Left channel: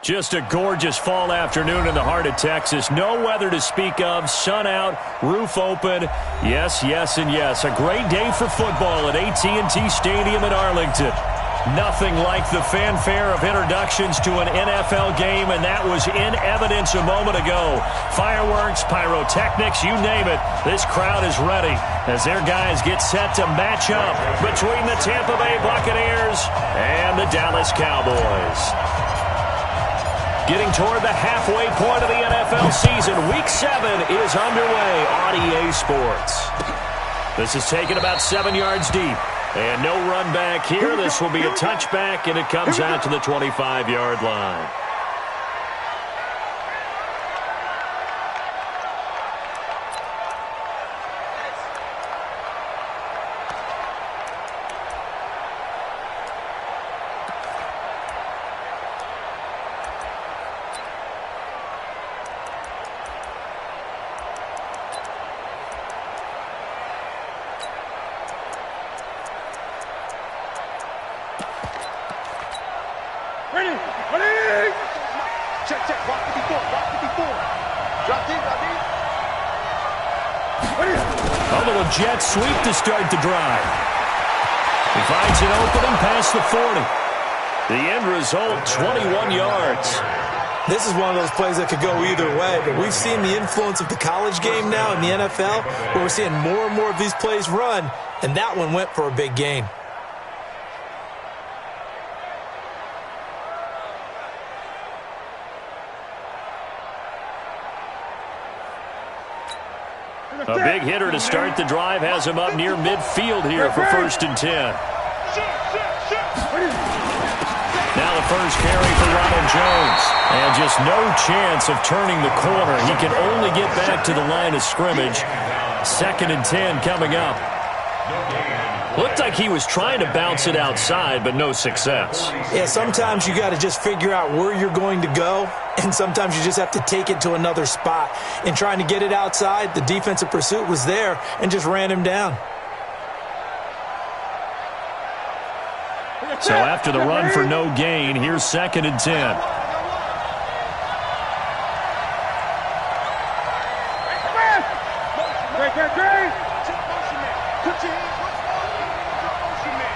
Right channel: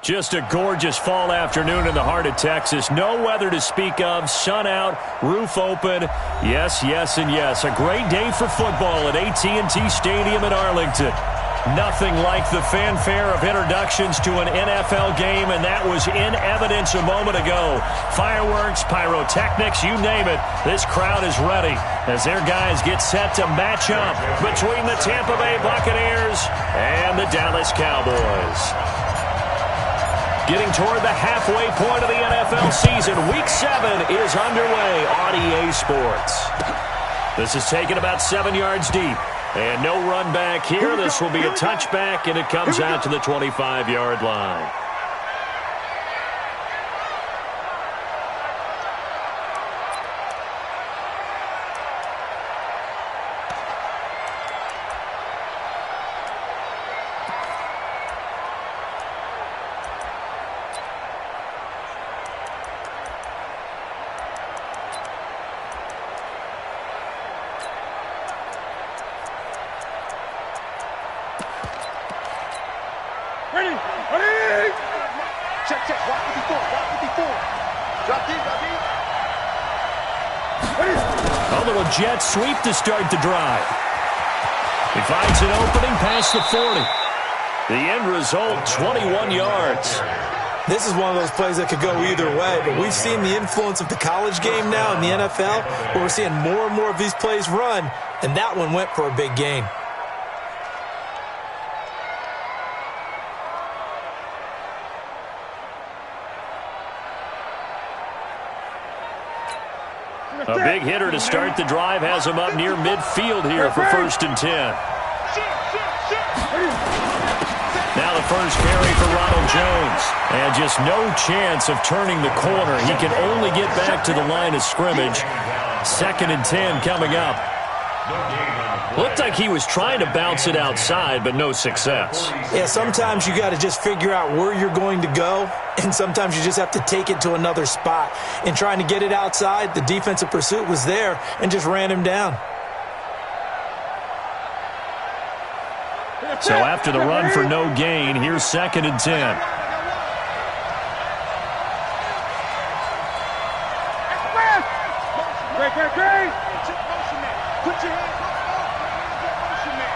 Just a gorgeous fall afternoon in the heart of Texas. No weather to speak of. Sun out, roof open. Yes, yes, and yes. A great day for football at AT&T Stadium in Arlington. Nothing like the fanfare of introductions to an NFL game, and that was in evidence a moment ago. Fireworks, pyrotechnics, you name it. This crowd is ready as their guys get set to match up between the Tampa Bay Buccaneers and the Dallas Cowboys. Getting toward the halfway point of the NFL season, Week 7 is underway on EA Sports. This is taken about 7 yards deep. And no run back here. This will be a touchback, and it comes out to the 25-yard line. Ready! Ready! Check, check. Block 54. Block 54. Drop deep, drop deep. Ready! A little jet sweep to start the drive. He finds an opening past the 40. The end result, 21 yards. This is one of those plays that could go either way, but we've seen the influence of the college game now in the NFL, where we're seeing more and more of these plays run, and that one went for a big gain. A big hitter to start the drive has him up near midfield here for 1st and 10. Now the first carry for Ronald Jones. And just no chance of turning the corner. He can only get back to the line of scrimmage. 2nd and 10 coming up. Looked like he was trying to bounce it outside, but no success. Yeah, sometimes you got to just figure out where you're going to go, and sometimes you just have to take it to another spot. In trying to get it outside, the defensive pursuit was there and just ran him down. So after the run for no gain, here's 2nd and 10. Great. Motion man. Put your hands up. Motion man.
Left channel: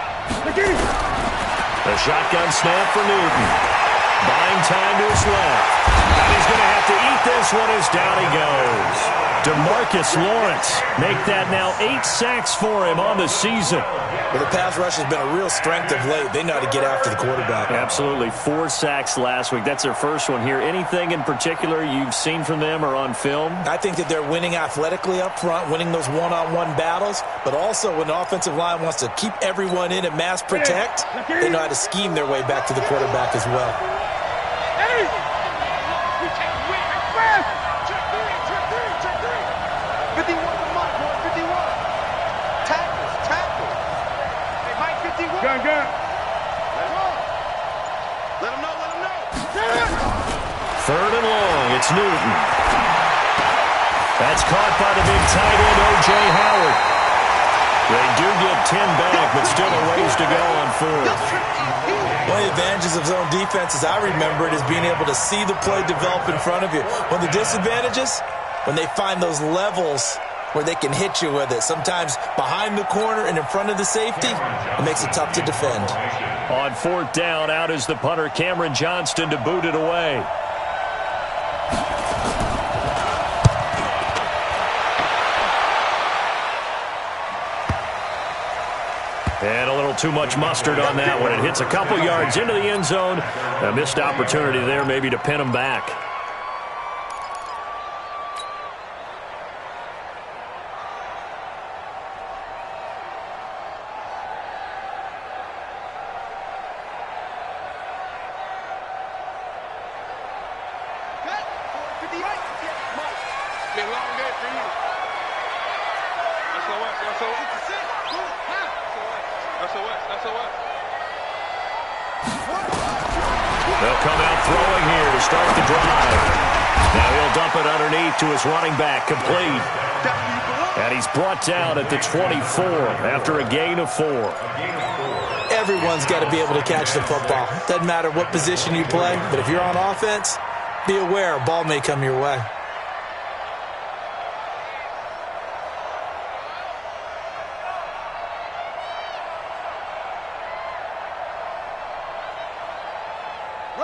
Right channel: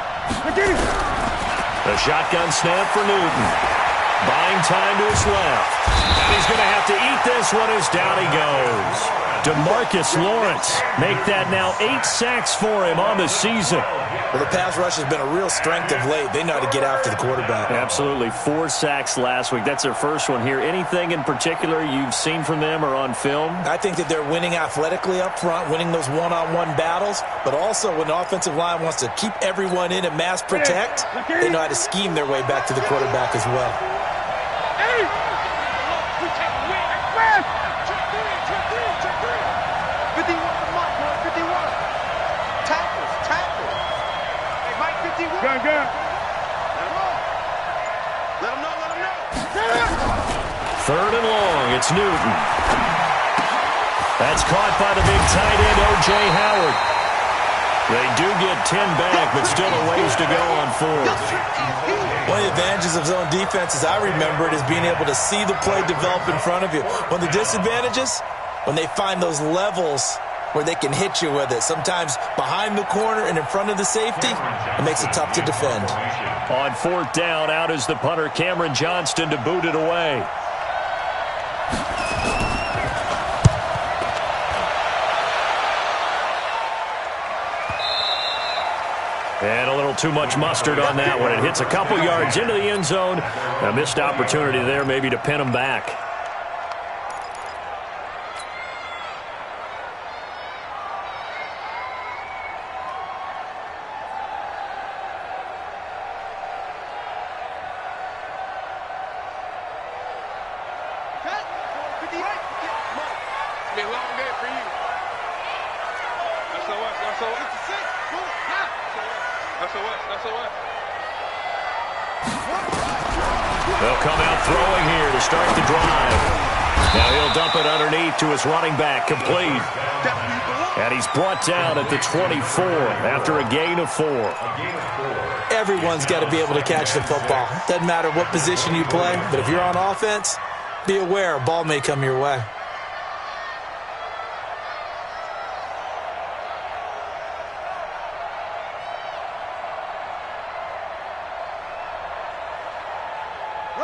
The shotgun snap for Newton. Buying time to his left. And he's going to have to eat this one as down he goes. DeMarcus Lawrence make that now 8 sacks for him on the season. Well, the pass rush has been a real strength of late. They know how to get after the quarterback. Absolutely. 4 sacks last week. That's their first one here. Anything in particular you've seen from them or on film? I think that they're winning athletically up front, winning those one-on-one battles, but also when the offensive line wants to keep everyone in and mass protect, they know how to scheme their way back to the quarterback as well. Hey! We take the win. Check three. 51 to Mike, boy. 51. Tackles. Hey, Mike, 51. Gun. Let him roll. Let him know. 3rd and long. It's Newton. That's caught by the big tight end, O.J. Howard. They do get 10 back, but still a ways to go on 4th. One of the advantages of zone defense, as I remember it, is being able to see the play develop in front of you. One of the disadvantages, when they find those levels where they can hit you with it, sometimes behind the corner and in front of the safety, it makes it tough to defend. On 4th down, out is the punter, Cameron Johnston, to boot it away. And a little too much mustard on that one. It hits a couple yards into the end zone. A missed opportunity there maybe to pin him back. Been a long day for you. SOS. 66. SOS. They'll come out throwing here to start the drive. Now he'll dump it underneath to his running back. Complete. That's where you belong. And he's brought down at the 24 after a gain of 4. Everyone's got to be able to catch the football. Doesn't matter what position you play, but if you're on offense, be aware a ball may come your way.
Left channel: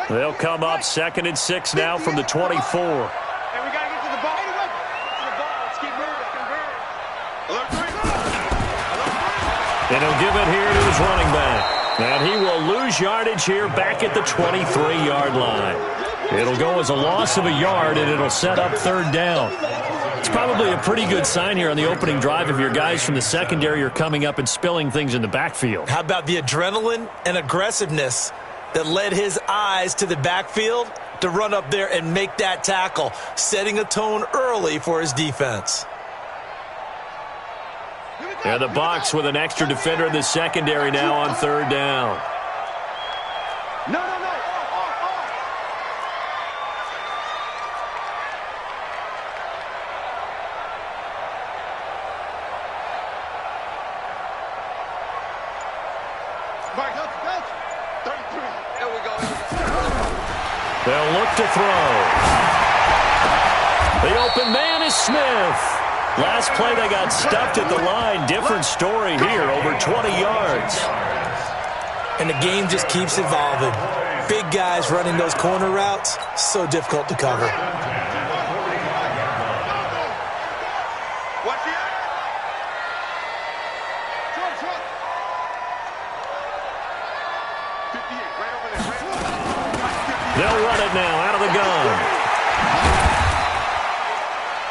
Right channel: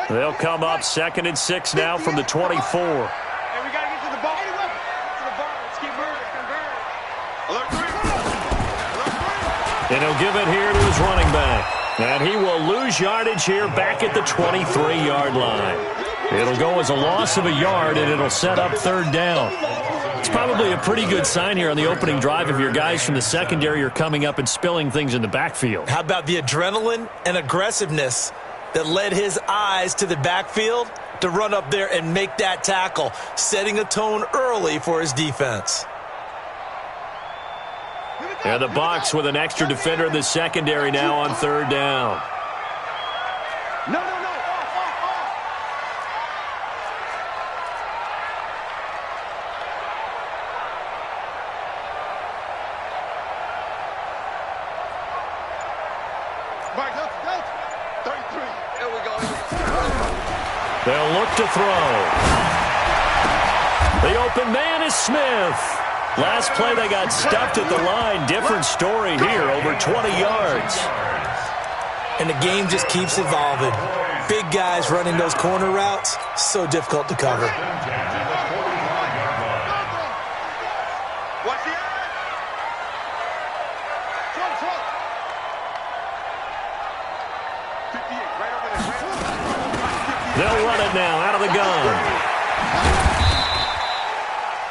They'll come up 2nd and 6 now from the 24. Hey, we got to get to the ball. Get to the ball. Let's keep moving. Alert 3. And he'll give it here to his running back. And he will lose yardage here back at the 23-yard line. It'll go as a loss of a yard, and it'll set up 3rd down. It's probably a pretty good sign here on the opening drive if your guys from the secondary are coming up and spilling things in the backfield. How about the adrenaline and aggressiveness that led his eyes to the backfield to run up there and make that tackle, setting a tone early for his defense. And the Bucs with an extra defender in the secondary now on 3rd down. No. Mike, Delta. 33. There we go. They'll look to throw. The open man is Smith. Last play they got stuffed at the line. Different story here, over 20 yards. And the game just keeps evolving. Big guys running those corner routes, so difficult to cover. Watch the end. Truck. 58, right over there. They'll run it now out of the gun.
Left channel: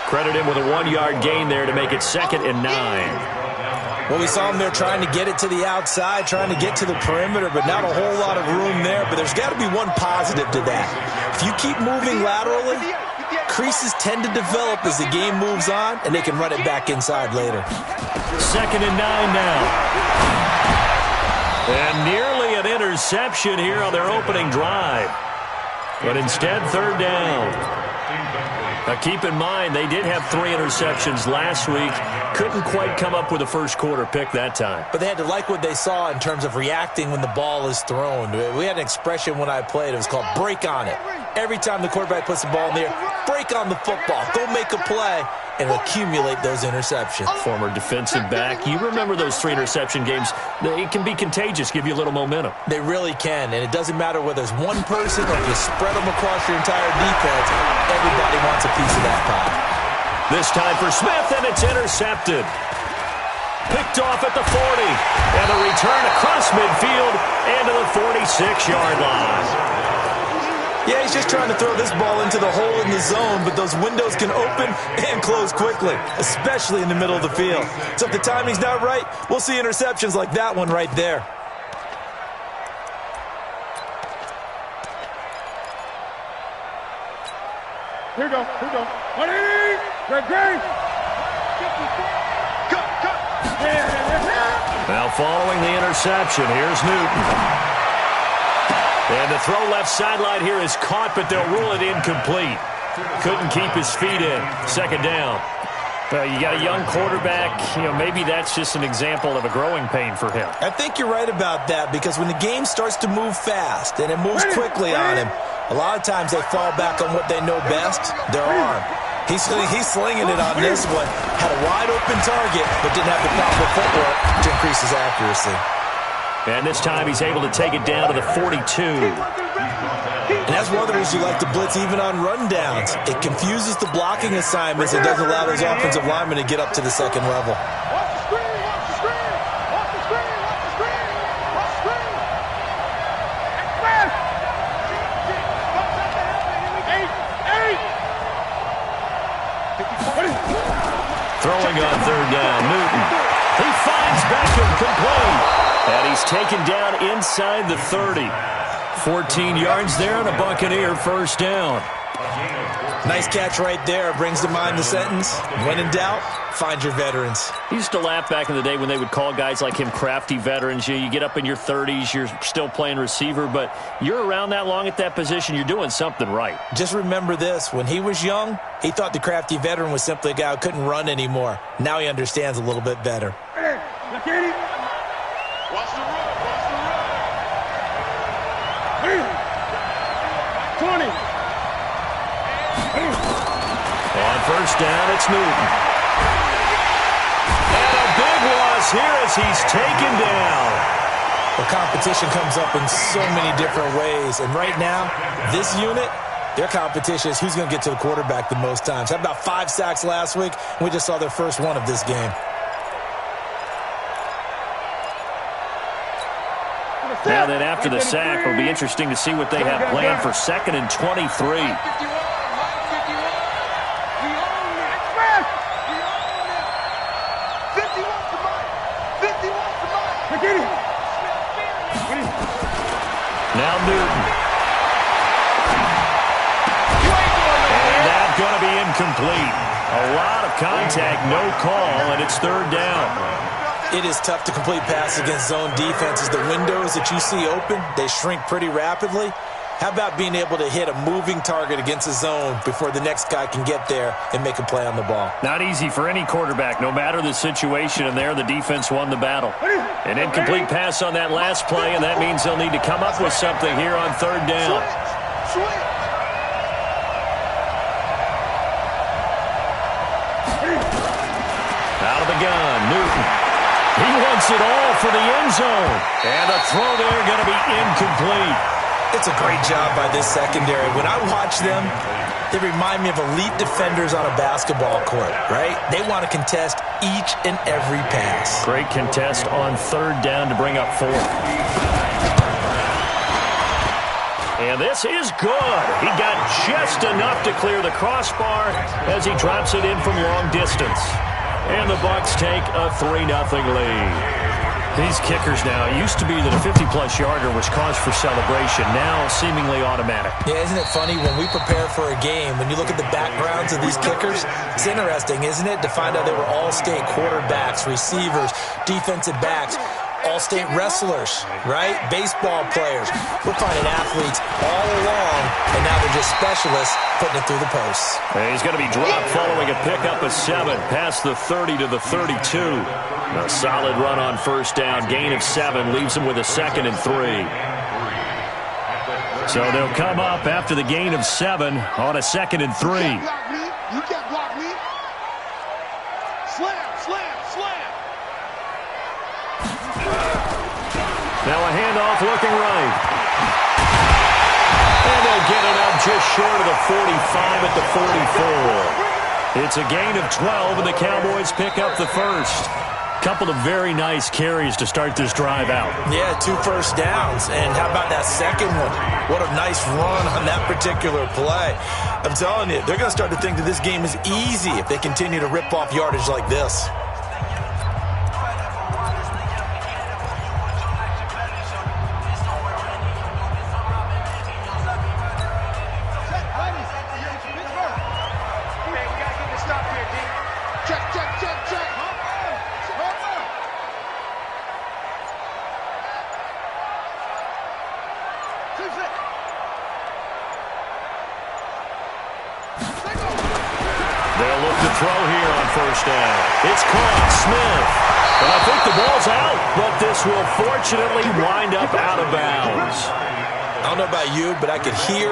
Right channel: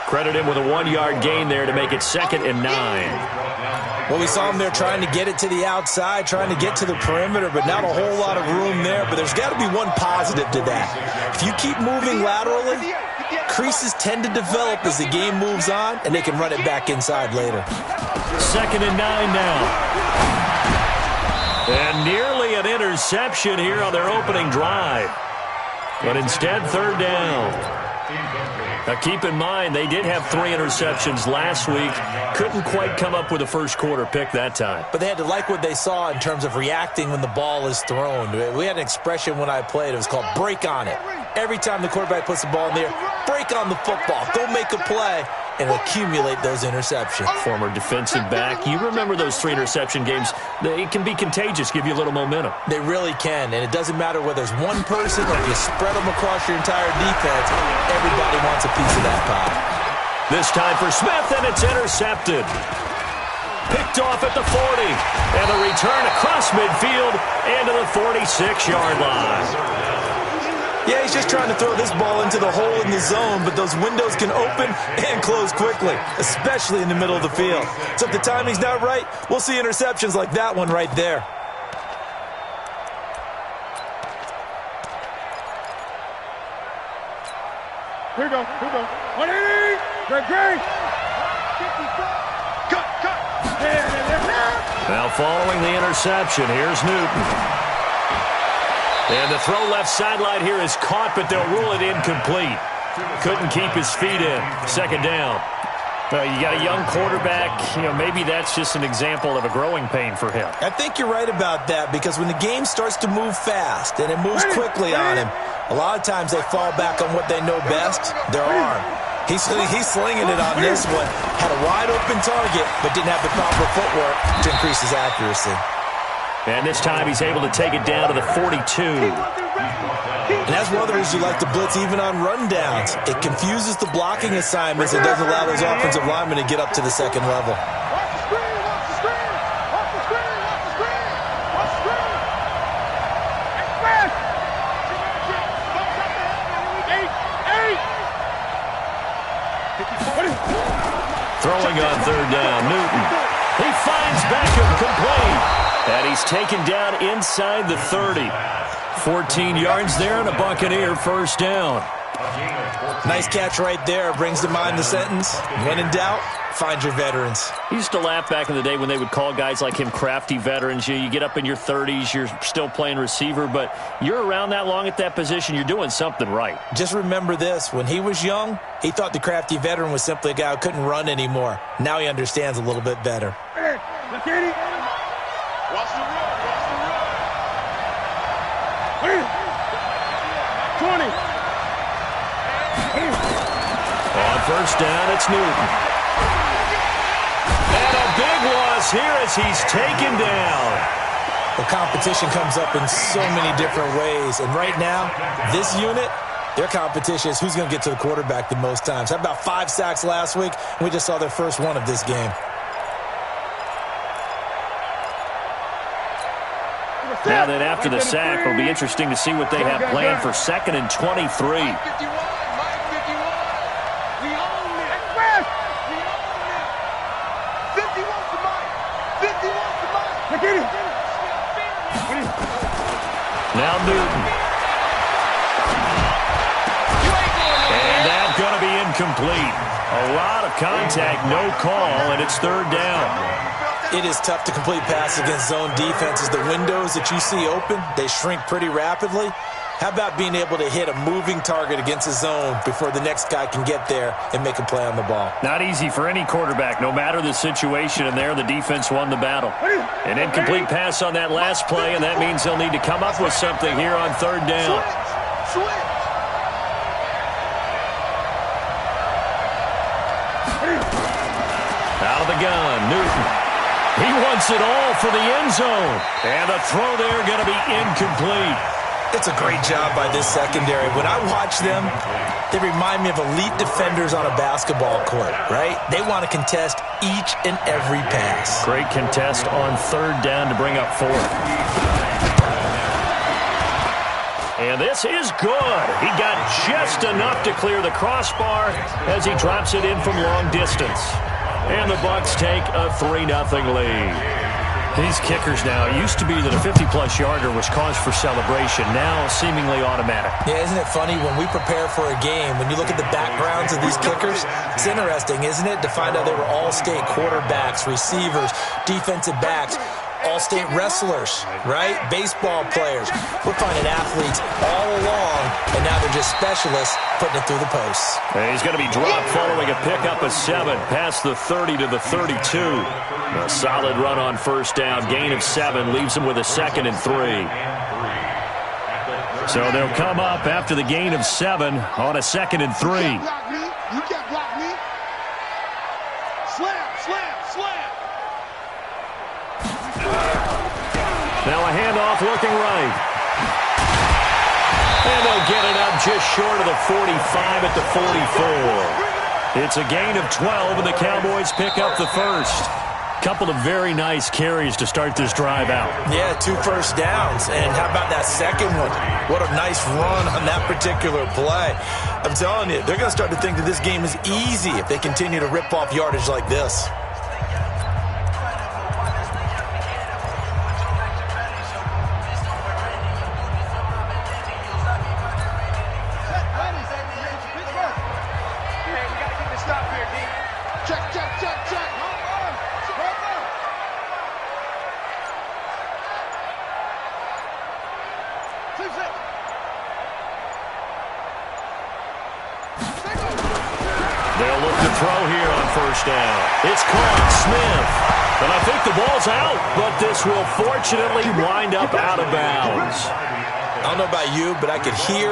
Credit him with a 1-yard gain there to make it 2nd and 9. Well, we saw him there trying to get it to the outside, trying to get to the perimeter, but not a whole lot of room there. But there's got to be one positive to that. If you keep moving laterally, creases tend to develop as the game moves on, and they can run it back inside later. 2nd and 9 now. And nearly an interception here on their opening drive. But instead, 3rd down. Now, keep in mind, they did have 3 interceptions last week. Couldn't quite come up with a first-quarter pick that time. But they had to like what they saw in terms of reacting when the ball is thrown. We had an expression when I played. It was called break on it. Every time the quarterback puts the ball in the air, break on the football. Go make a play and accumulate those interceptions. Former defensive back. You remember those 3 interception games. It can be contagious, give you a little momentum. They really can, and it doesn't matter whether it's one person or if you spread them across your entire defense. Everybody wants a piece of that pie. This time for Smith, and it's intercepted. Picked off at the 40, and the return across midfield and to the 46-yard line. Yeah, he's just trying to throw this ball into the hole in the zone, but those windows can open and close quickly, especially in the middle of the field. So if the timing's not right, we'll see interceptions like that one right there. Here we go. 180. Great. 54. Cut. Now following the interception, here's Newton. And the throw left sideline here is caught, but they'll rule it incomplete. Couldn't keep his feet in. 2nd down. Well, you got a young quarterback. Maybe that's just an example of a growing pain for him. I think you're right about that, because when the game starts to move fast and it moves quickly on him, a lot of times they fall back on what they know best, their arm. He's slinging it on this one. Had a wide open target, but didn't have the proper footwork to increase his accuracy. And this time he's able to take it down to the 42. And that's one of the reasons you like to blitz even on rundowns. It confuses the blocking assignments and doesn't allow those offensive linemen to get up to the 2nd level. Watch the screen. Watch the screen. Express. 8. Throwing on 3rd down, Newton. He finds Beckham complete. And he's taken down inside the 30. 14 yards there and a Buccaneer 1st down. Nice catch right there. Brings to mind the sentence, when in doubt, find your veterans. He used to laugh back in the day when they would call guys like him crafty veterans. You get up in your 30s, you're still playing receiver, but you're around that long at that position, you're doing something right. Just remember this. When he was young, he thought the crafty veteran was simply a guy who couldn't run anymore. Now he understands a little bit better. Hey, look at him. Watch the run. Watch the run. 20. On first down, it's Newton. And a big loss here as he's taken down. The competition comes up in so many different ways. And right now, this unit, their competition is who's going to get to the quarterback the most times. Had about 5 sacks last week, and we just saw their first one of this game. Now then, after the sack, it'll be interesting to see what they have planned for 2nd and 23. Now Newton. And that's going to be incomplete. A lot of contact, no call, and it's 3rd down. It is tough to complete passes against zone defenses. The windows that you see open, they shrink pretty rapidly. How about being able to hit a moving target against a zone before the next guy can get there and make a play on the ball? Not easy for any quarterback, no matter the situation, and there the defense won the battle. An incomplete pass on that last play, and that means they'll need to come up with something here on 3rd down. Switch. Out of the gun, Newton. He wants it all for the end zone. And the throw there going to be incomplete. It's a great job by this secondary. When I watch them, they remind me of elite defenders on a basketball court, right? They want to contest each and every pass. Great contest on 3rd down to bring up 4th. And this is good. He got just enough to clear the crossbar as he drops it in from long distance. And the Bucs take a 3-0 lead. These kickers now, it used to be that a 50-plus yarder was cause for celebration. Now, seemingly automatic. Yeah, isn't it funny? When we prepare for a game, when you look at the backgrounds of these kickers, it's interesting, isn't it, to find out they were all-state quarterbacks, receivers, defensive backs, all-state wrestlers, right? Baseball players. We're finding athletes all along, and now they're just specialists putting it through the posts. And he's going to be dropped following a pickup of 7, past the 30 to the 32. A solid run on first down. Gain of 7 leaves him with a 2nd and 3. So they'll come up after the gain of 7 on a 2nd and 3. You can't block me. Slam, slam, slam. Now a handoff looking right. And they'll get it up just short of the 45 at the 44. It's a gain of 12, and the Cowboys pick up the first. Couple of very nice carries to start this drive out. Yeah, 2 first downs. And how about that second one? What a nice run on that particular play. I'm telling you, they're going to start to think that this game is easy if they continue to rip off yardage like this. They'll look to throw here on first down. It's caught. Smith. And I think the ball's out, but this will fortunately wind up out of bounds. I don't know about you, but I could hear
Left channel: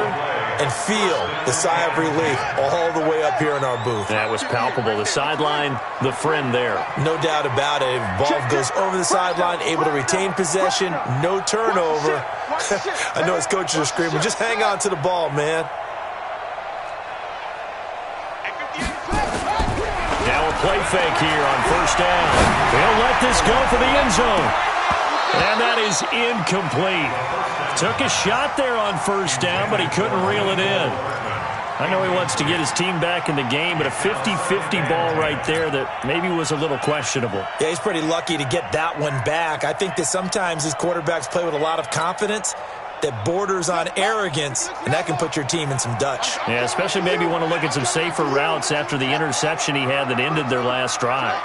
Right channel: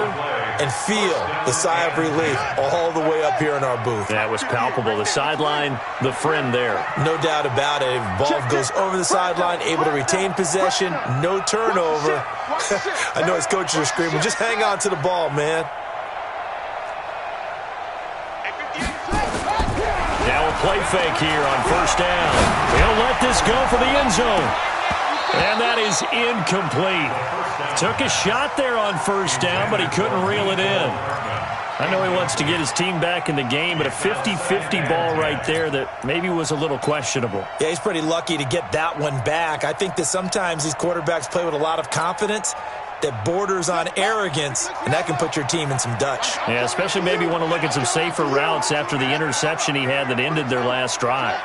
and feel the sigh of relief all the way up here in our booth. That was palpable. The sideline, the friend there. No doubt about it. Ball goes over the sideline, able to retain possession, no turnover. I know his coaches are screaming, just hang on to the ball, man. Now a play fake here on first down. They'll let this go for the end zone. And that is incomplete. Took a shot there on first down, but he couldn't reel it in. I know he wants to get his team back in the game, but a 50-50 ball right there that maybe was a little questionable. Yeah, he's pretty lucky to get that one back. I think that sometimes these quarterbacks play with a lot of confidence. that borders on arrogance, and that can put your team in some Dutch. Yeah, especially maybe want to look at some safer routes after the interception he had that ended their last drive.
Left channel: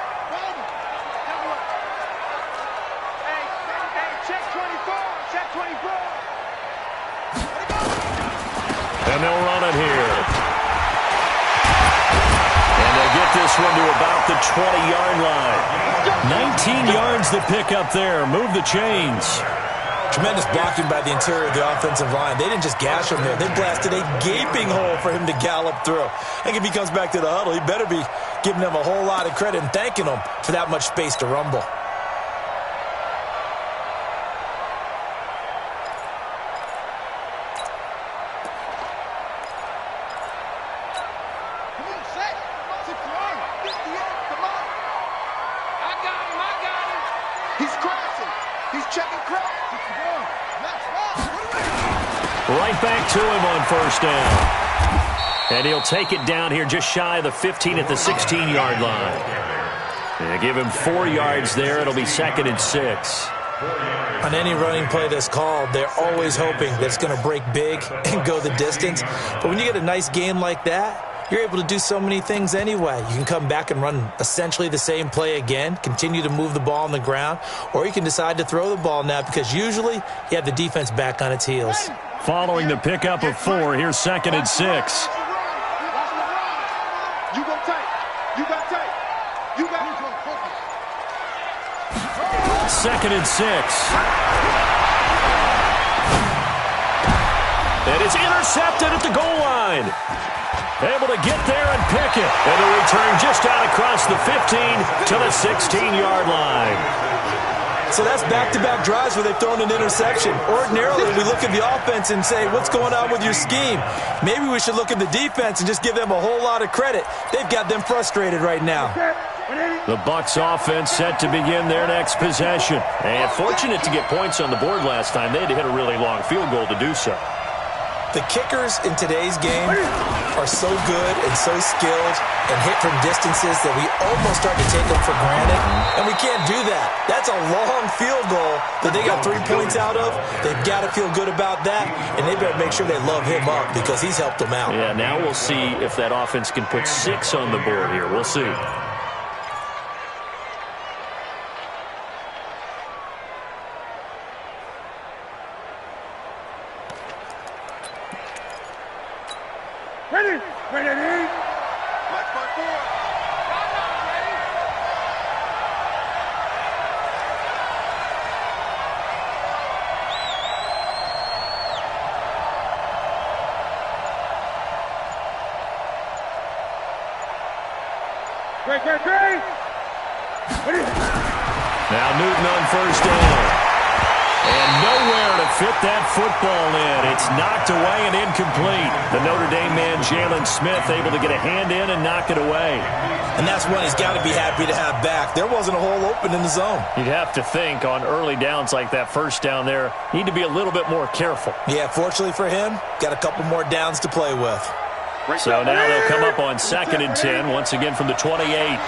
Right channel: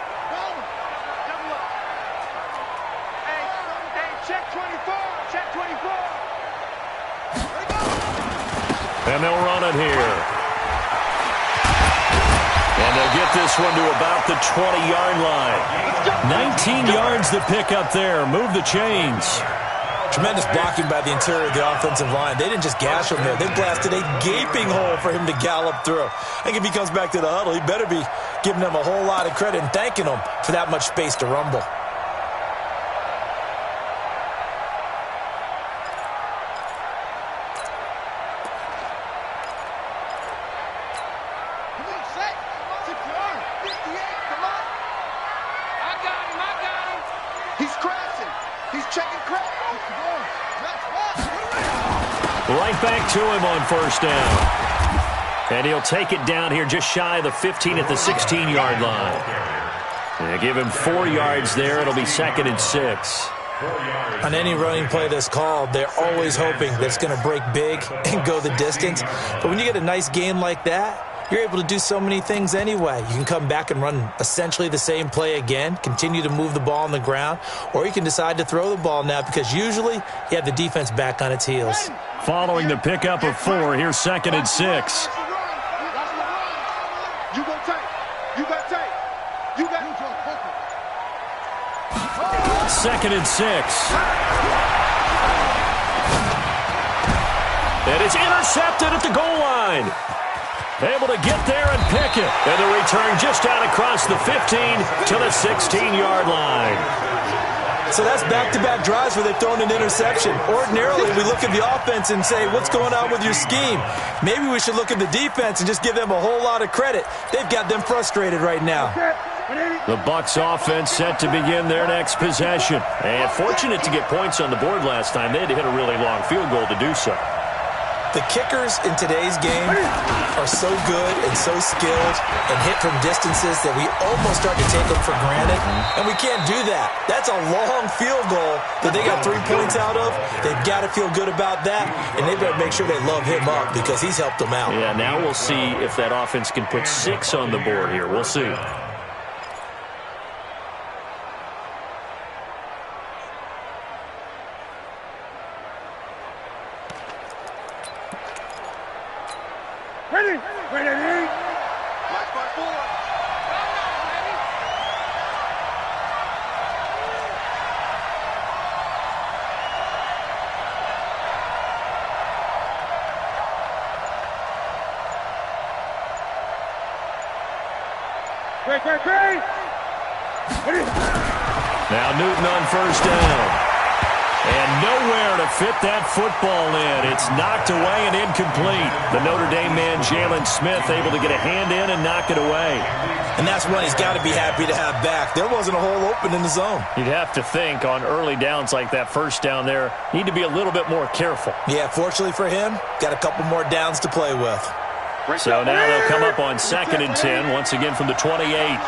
And they'll run it here. And they'll get this one to about the 20-yard line. 19 yards to pick up there. Move the chains. Tremendous blocking by the interior of the offensive line. They didn't just gash him there. They blasted a gaping hole for him to gallop through. I think if he comes back to the huddle, he better be giving them a whole lot of credit and thanking them for that much space to rumble. Right back to him on first down. And he'll take it down here just shy of the 15 at the 16-yard line. And give him 4 yards there. It'll be 2nd and 6. On any running play that's called, they're always hoping that it's going to break big and go the distance. But when you get a nice gain like that, you're able to do so many things anyway. You can come back and run essentially the same play again, continue to move the ball on the ground, or you can decide to throw the ball now because usually you have the defense back on its heels. Following the pickup of 4, here's 2nd and 6. You go tight. You got tight. You got focus. 2nd and 6. And it's intercepted at the goal line. Able to get there and pick it. And the return just out across the 15 to the 16-yard line. So that's back-to-back drives where they've thrown an interception. Ordinarily, we look at the offense and say, what's going on with your scheme? Maybe we should look at the defense and just give them a whole lot of credit. They've got them frustrated right now. The Bucs offense set to begin their next possession. And fortunate to get points on the board last time. They had to hit a really long field goal to do so. The kickers in today's game are so good and so skilled and hit from distances that we almost start to take them for granted, and we can't do that. That's a long field goal that they got 3 points out of. They've got to feel good about that, and they better make sure they love him up because he's helped them out. Yeah, now we'll see if that offense can put 6 on the board here. We'll see. Ready? Match by 4. I'm not ready. Great. Now Newton on first down. And nowhere to fit that football in. It's knocked away and incomplete. The Notre Dame man, Jalen Smith, able to get a hand in and knock it away. And that's one he's got to be happy to have back. There wasn't a hole open in the zone. You'd have to think on early downs like that first down there, need to be a little bit more careful. Yeah, fortunately for him, got a couple more downs to play with. So now they'll come up on 2nd and 10, once again from the 28.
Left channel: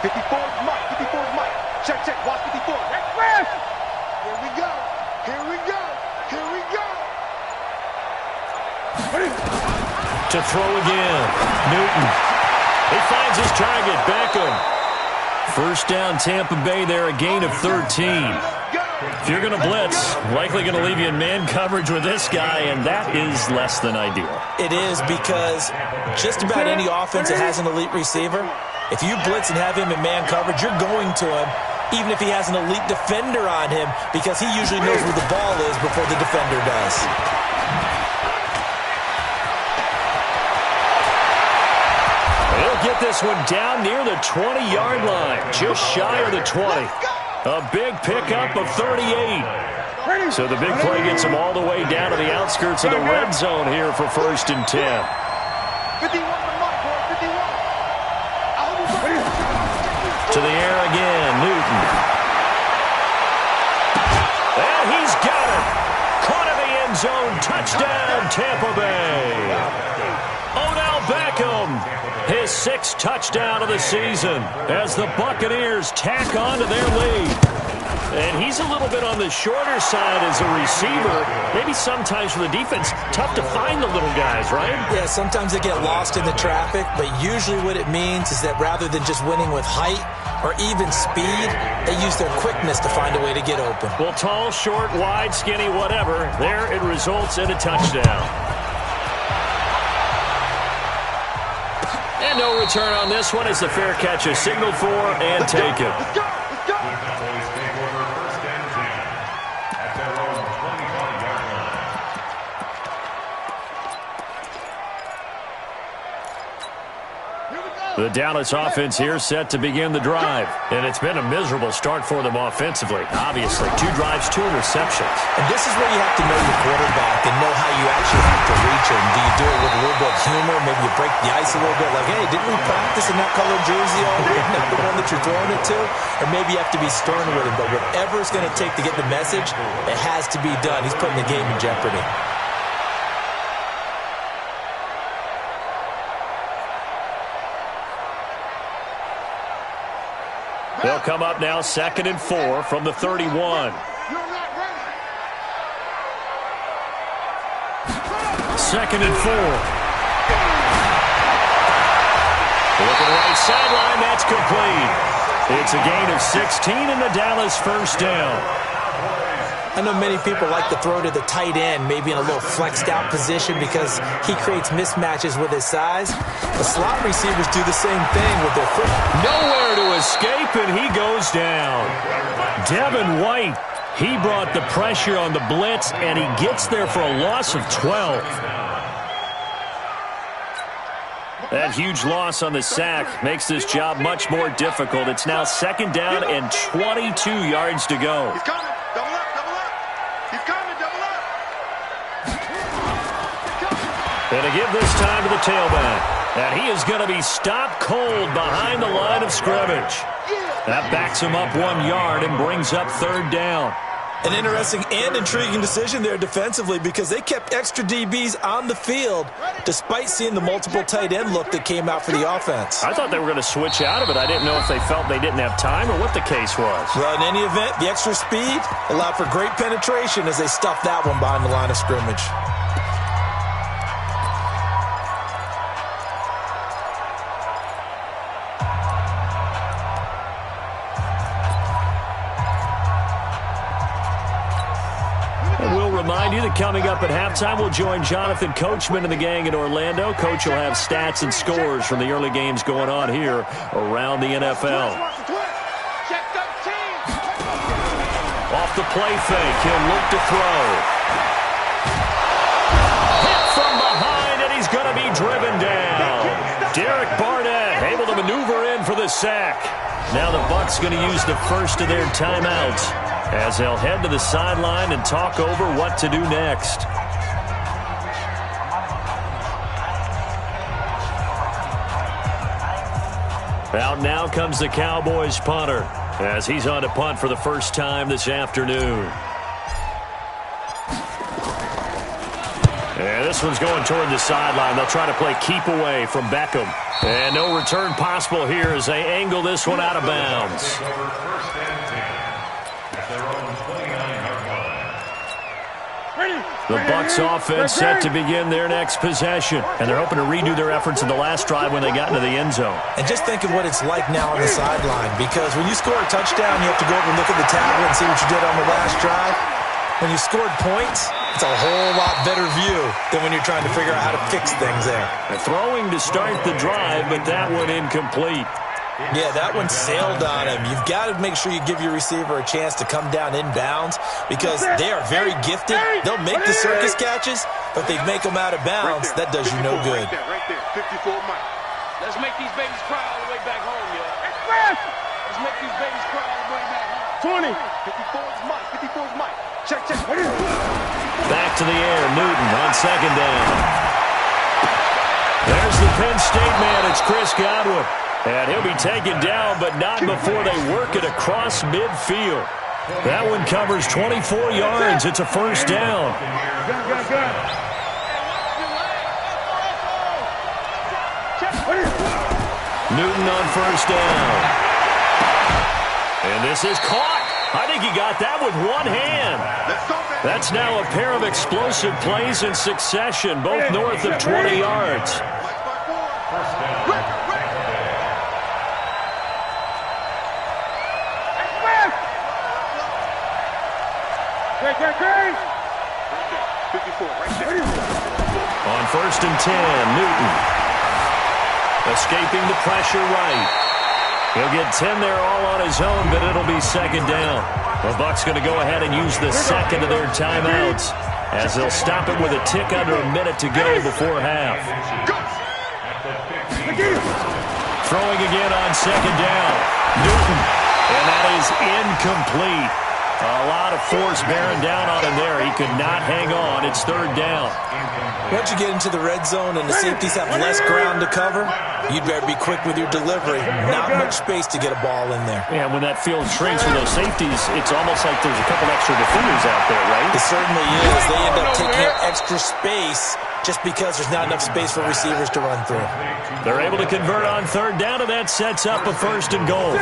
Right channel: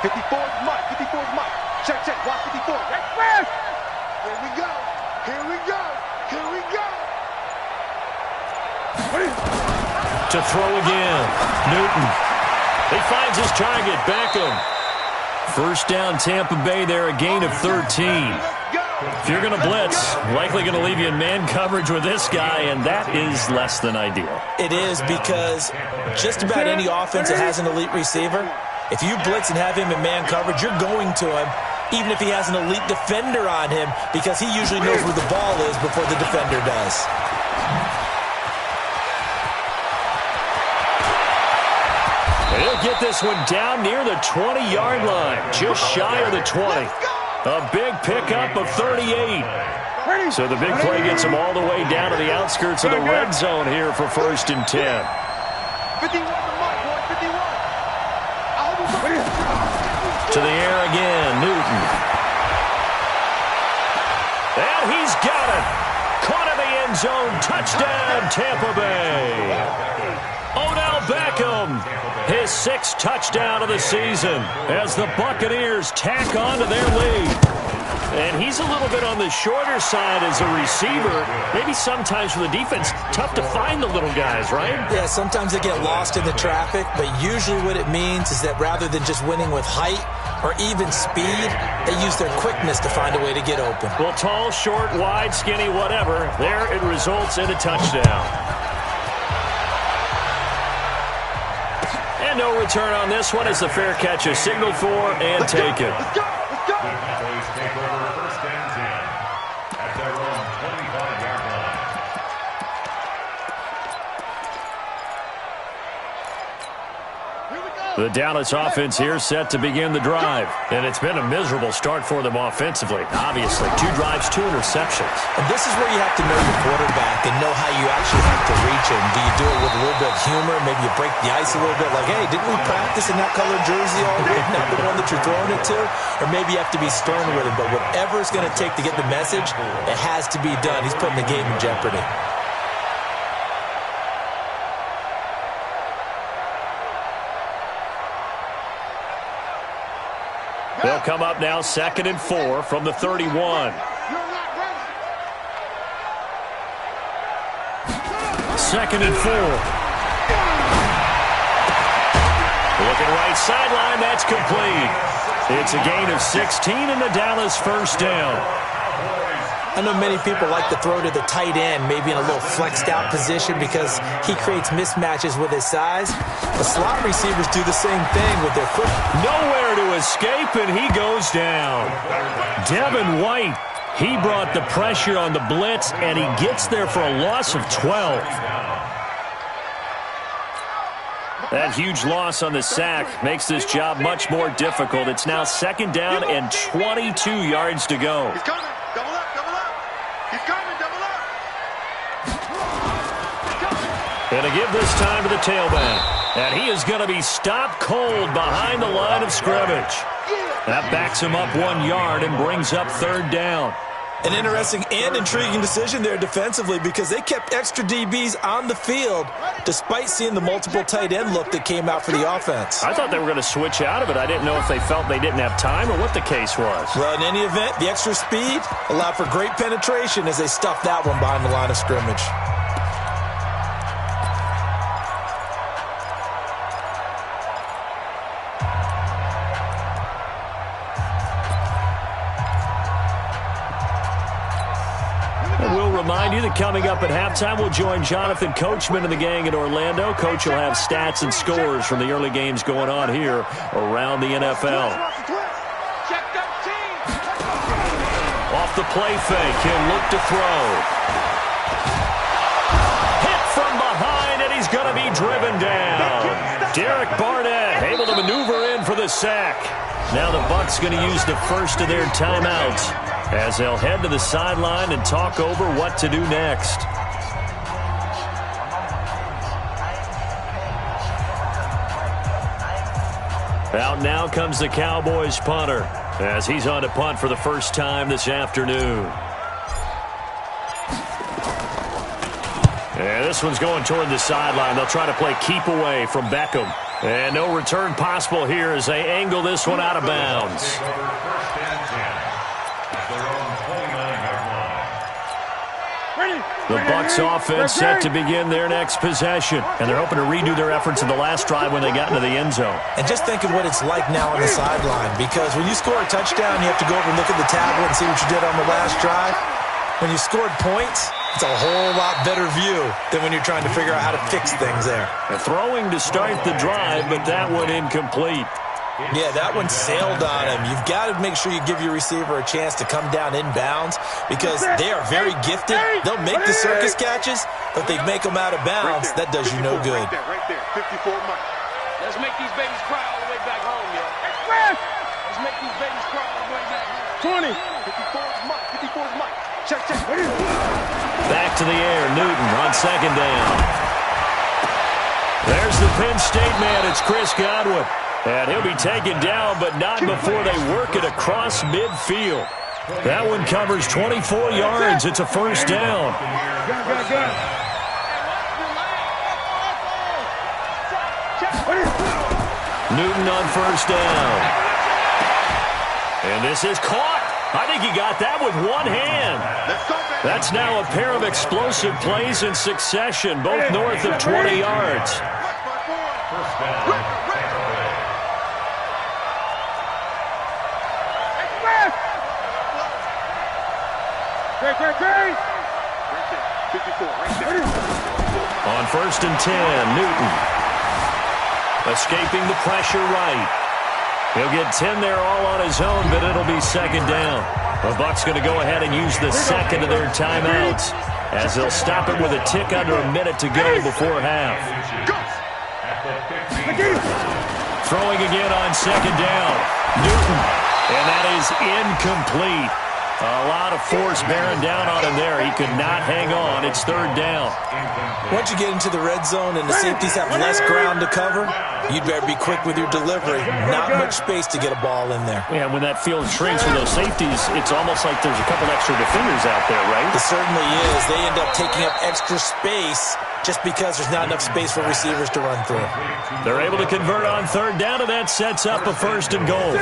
54's Mike. 54's Mike. Check. Watch 54. That's fast. Here we go. To throw again. Newton. He finds his target. Beckham. First down, Tampa Bay there, a gain of 13. If you're going to blitz, likely going to leave you in man coverage with this guy, and that is less than ideal. It is because just about any offense that has an elite receiver, if you blitz and have him in man coverage, you're going to him, even if he has an elite defender on him, because he usually knows where the ball is before the defender does. He'll get this one down near the 20-yard line, just shy of the 20. A big pickup of 38. So the big play gets him all the way down to the outskirts of the red zone here for 1st and 10. 51 to Mike, boy, 51. To the air again, Newton. And he's got it. Caught in the end zone. Touchdown, Tampa Bay. Odell Beckham, his 6th touchdown of the season as the Buccaneers tack on to their lead. And he's a little bit on the shorter side as a receiver. Maybe sometimes for the defense, tough to find the little guys, right? Yeah, sometimes they get lost in the traffic, but usually what it means is that rather than just winning with height or even speed, they use their quickness to find a way to get open. Well, tall, short, wide, skinny, whatever, there it results in a touchdown. And no return on this one as the fair catch is signaled for and taken. Let's go! Let's go! Cowboys take over 1st and 10 at their own 25-yard line. Here we go! The Dallas offense here set to begin the drive. And it's been a miserable start for them offensively. Obviously, 2 drives, 2 interceptions. And this is where you have to know your quarterback and know how you actually have to reach him. Do you do it with a little bit of humor? Maybe you break the ice a little bit like, hey, didn't we practice in that colored jersey all week? Not the one that you're throwing it to? Or maybe you have to be stern with him. But whatever it's going to take to get the message, it has to be done. He's putting the game in jeopardy. They'll come up now 2nd and 4 from the 31. You're not ready. 2nd and 4. Looking right sideline, that's complete. It's a gain of 16 and the Dallas 1st down. I know many people like to throw to the tight end, maybe in a little flexed out position because he creates mismatches with his size. The slot receivers do the same thing with their foot. Nowhere to escape, and he goes down. Devin White, he brought the pressure on the blitz, and he gets there for a loss of 12. That huge loss on the sack makes this job much more difficult. It's now 2nd down and 22 yards to go. He's coming. Double up, double up. He's coming, double up. And to give this time to the tailback. And he is going to be stopped cold behind the line of scrimmage. That backs him up 1 yard and brings up 3rd down. An interesting and intriguing decision there defensively because they kept extra DBs on the field despite seeing the multiple tight end look that came out for the offense. I thought they were going to switch out of it. I didn't know if they felt they didn't have time or what the case was. Well, in any event, the extra speed allowed for great penetration as they stuffed that one behind the line of scrimmage. And we'll remind you that coming up at halftime, we'll join Jonathan Coachman and the gang in Orlando. Coach will have stats and scores from the early games going on here around the NFL. Check 13. Off the play fake, he'll look to throw. Hit from behind, and he's going to be driven down. Derek Barnett able to maneuver in for the sack. Now the Bucs going to use the first of their timeouts as they'll head to the sideline and talk over what to do next. Out now comes the Cowboys punter as he's on to punt for the first time this afternoon. And this one's going toward the sideline. They'll try to play keep away from Beckham. And no return possible here as they angle this one out of bounds. The Bucs offense set to begin their next possession. And they're hoping to redo their efforts in the last drive when they got into the end zone. And just think of what it's like now on the sideline, because when you score a touchdown, you have to go over and look at the tablet and see what you did on the last drive. When you scored points, it's a whole lot better view than when you're trying to figure out how to fix things there. They're throwing to start the drive, but that one incomplete. Yeah, that one sailed on him. You've got to make sure you give your receiver a chance to come down inbounds because they are very gifted. They'll make the circus catches, but they make them out of bounds. That does you no good. Right there, 54 Mike. Let's make these babies cry all the way back home, yo. Let's make these babies cry all the way back home. 20. 54 is Mike. 54 is Mike. Check. Back to the air. Newton on 2nd down. There's the Penn State man. It's Chris Godwin. And he'll be taken down, but not before they work it across midfield. That one covers 24 yards. It's a first down. Newton on first down. And this is caught. I think he got that with one hand. That's now a pair of explosive plays in succession, both north of 20 yards. First down. Great. 54, right there. On first and 10, Newton. Escaping the pressure right. He'll get 10 there all on his own, but it'll be second down. The Bucs going to go ahead and use the second of their timeouts as they'll stop it with a tick under a minute to go before half. Throwing again on second down. Newton. And that is incomplete. A lot of force bearing down on him there. He could not hang on. It's third down. Once you get into the red zone and the safeties have less ground to cover, you'd better be quick with your delivery. Not much space to get a ball in there. Yeah, when that field shrinks for those safeties, it's almost like there's a couple extra defenders out there, right? It certainly is. They end up taking up extra space just because there's not enough space for receivers to run through. They're able to convert on third down, and that sets up a first and goal.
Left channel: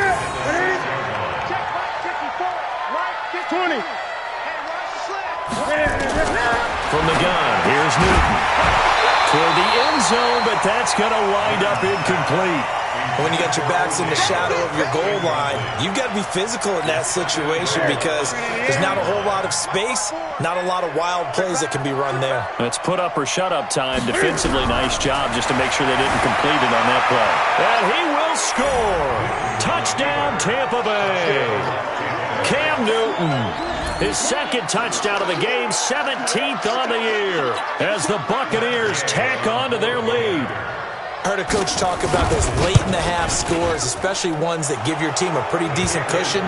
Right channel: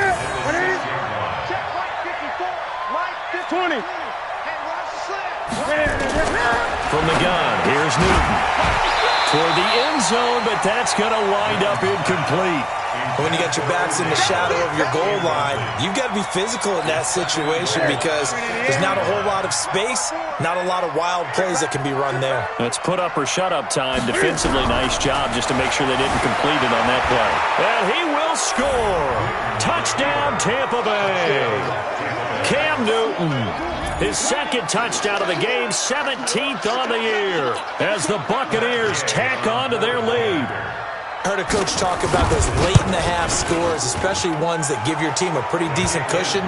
20. From the gun, here's Newton. Toward the end zone, but that's going to wind up incomplete. When you got your backs in the shadow of your goal line, you've got to be physical in that situation because there's not a whole lot of space, not a lot of wild plays that can be run there. It's put up or shut up time. Defensively, nice job just to make sure they didn't complete it on that play. And he will score. Touchdown, Tampa Bay. Cam Newton, his second touchdown of the game, 17th on the year, as the Buccaneers tack on to their lead. Heard a coach talk about those late-in-the-half scores, especially ones that give your team a pretty decent cushion.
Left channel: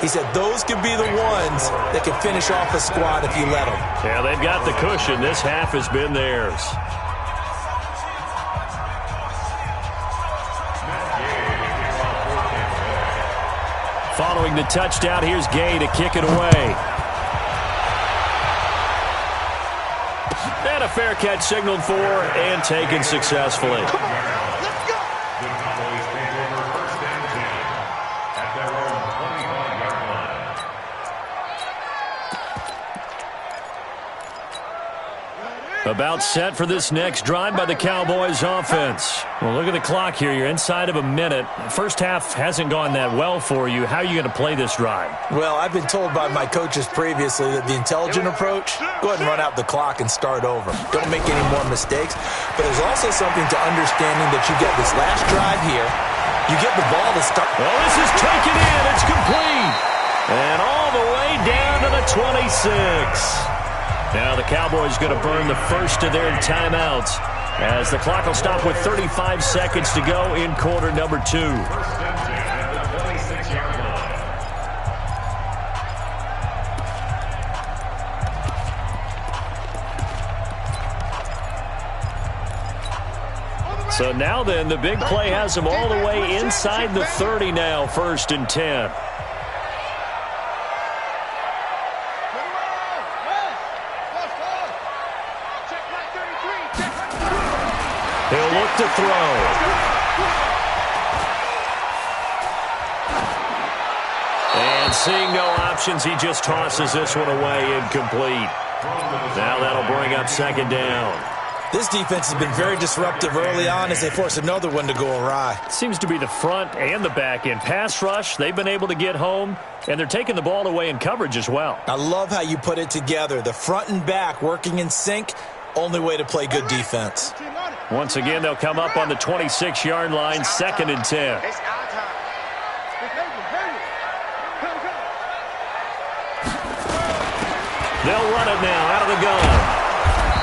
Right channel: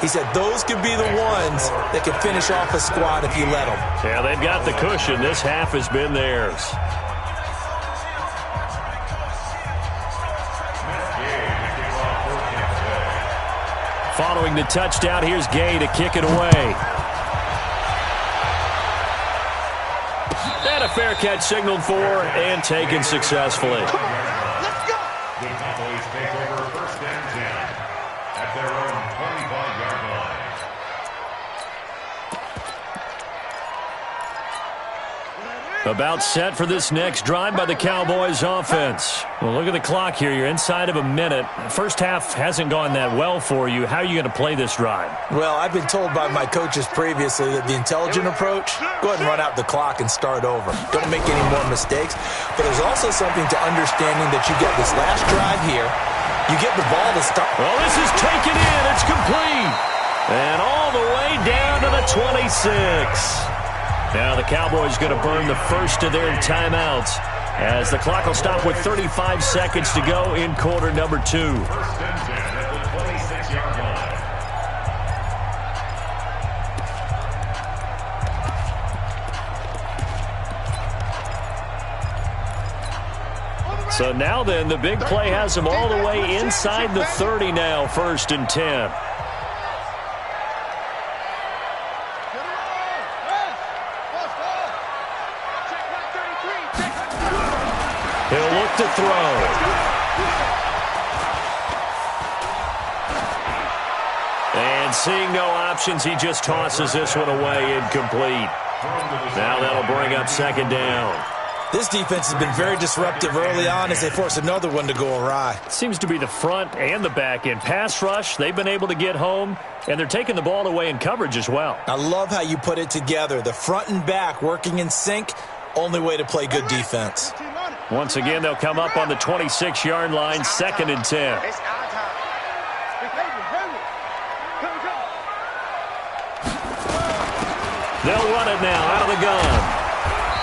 He said those could be the ones that can finish off a squad if you let them. Yeah, they've got the cushion. This half has been theirs. Following the touchdown, here's Gay to kick it away. And a fair catch signaled for and taken successfully. Come on now, let's go. The Cowboys take over first and 10 at their own 25-yard line. About set for this next drive by the Cowboys offense. Well, look at the clock here. You're inside of a minute. First half hasn't gone that well for you. How are you going to play this drive? Well, I've been told by my coaches previously that the intelligent approach, go ahead and run out the clock and start over. Don't make any more mistakes. But there's also something to understanding that you get this last drive here. You get the ball to start. Well, this is taken in. It's complete. And all the way down to the 26. Now the Cowboys going to burn the first of their timeouts as the clock will stop with 35 seconds to go in quarter number 2. First and 10 at the 26-yard line. So now then, the big play has them all the way inside the 30 now, first and 10. He'll look to throw. And seeing no options, he just tosses this one away incomplete. Now that'll bring up second down. This defense has been very disruptive early on as they force another one to go awry. Seems to be the front and the back end. Pass rush, they've been able to get home, and they're taking the ball away in coverage as well. I love how you put it together. The front and back working in sync, only way to play good defense. Once again, they'll come up on the 26-yard line, second and 10. It's our time. They'll run it now out of the gun.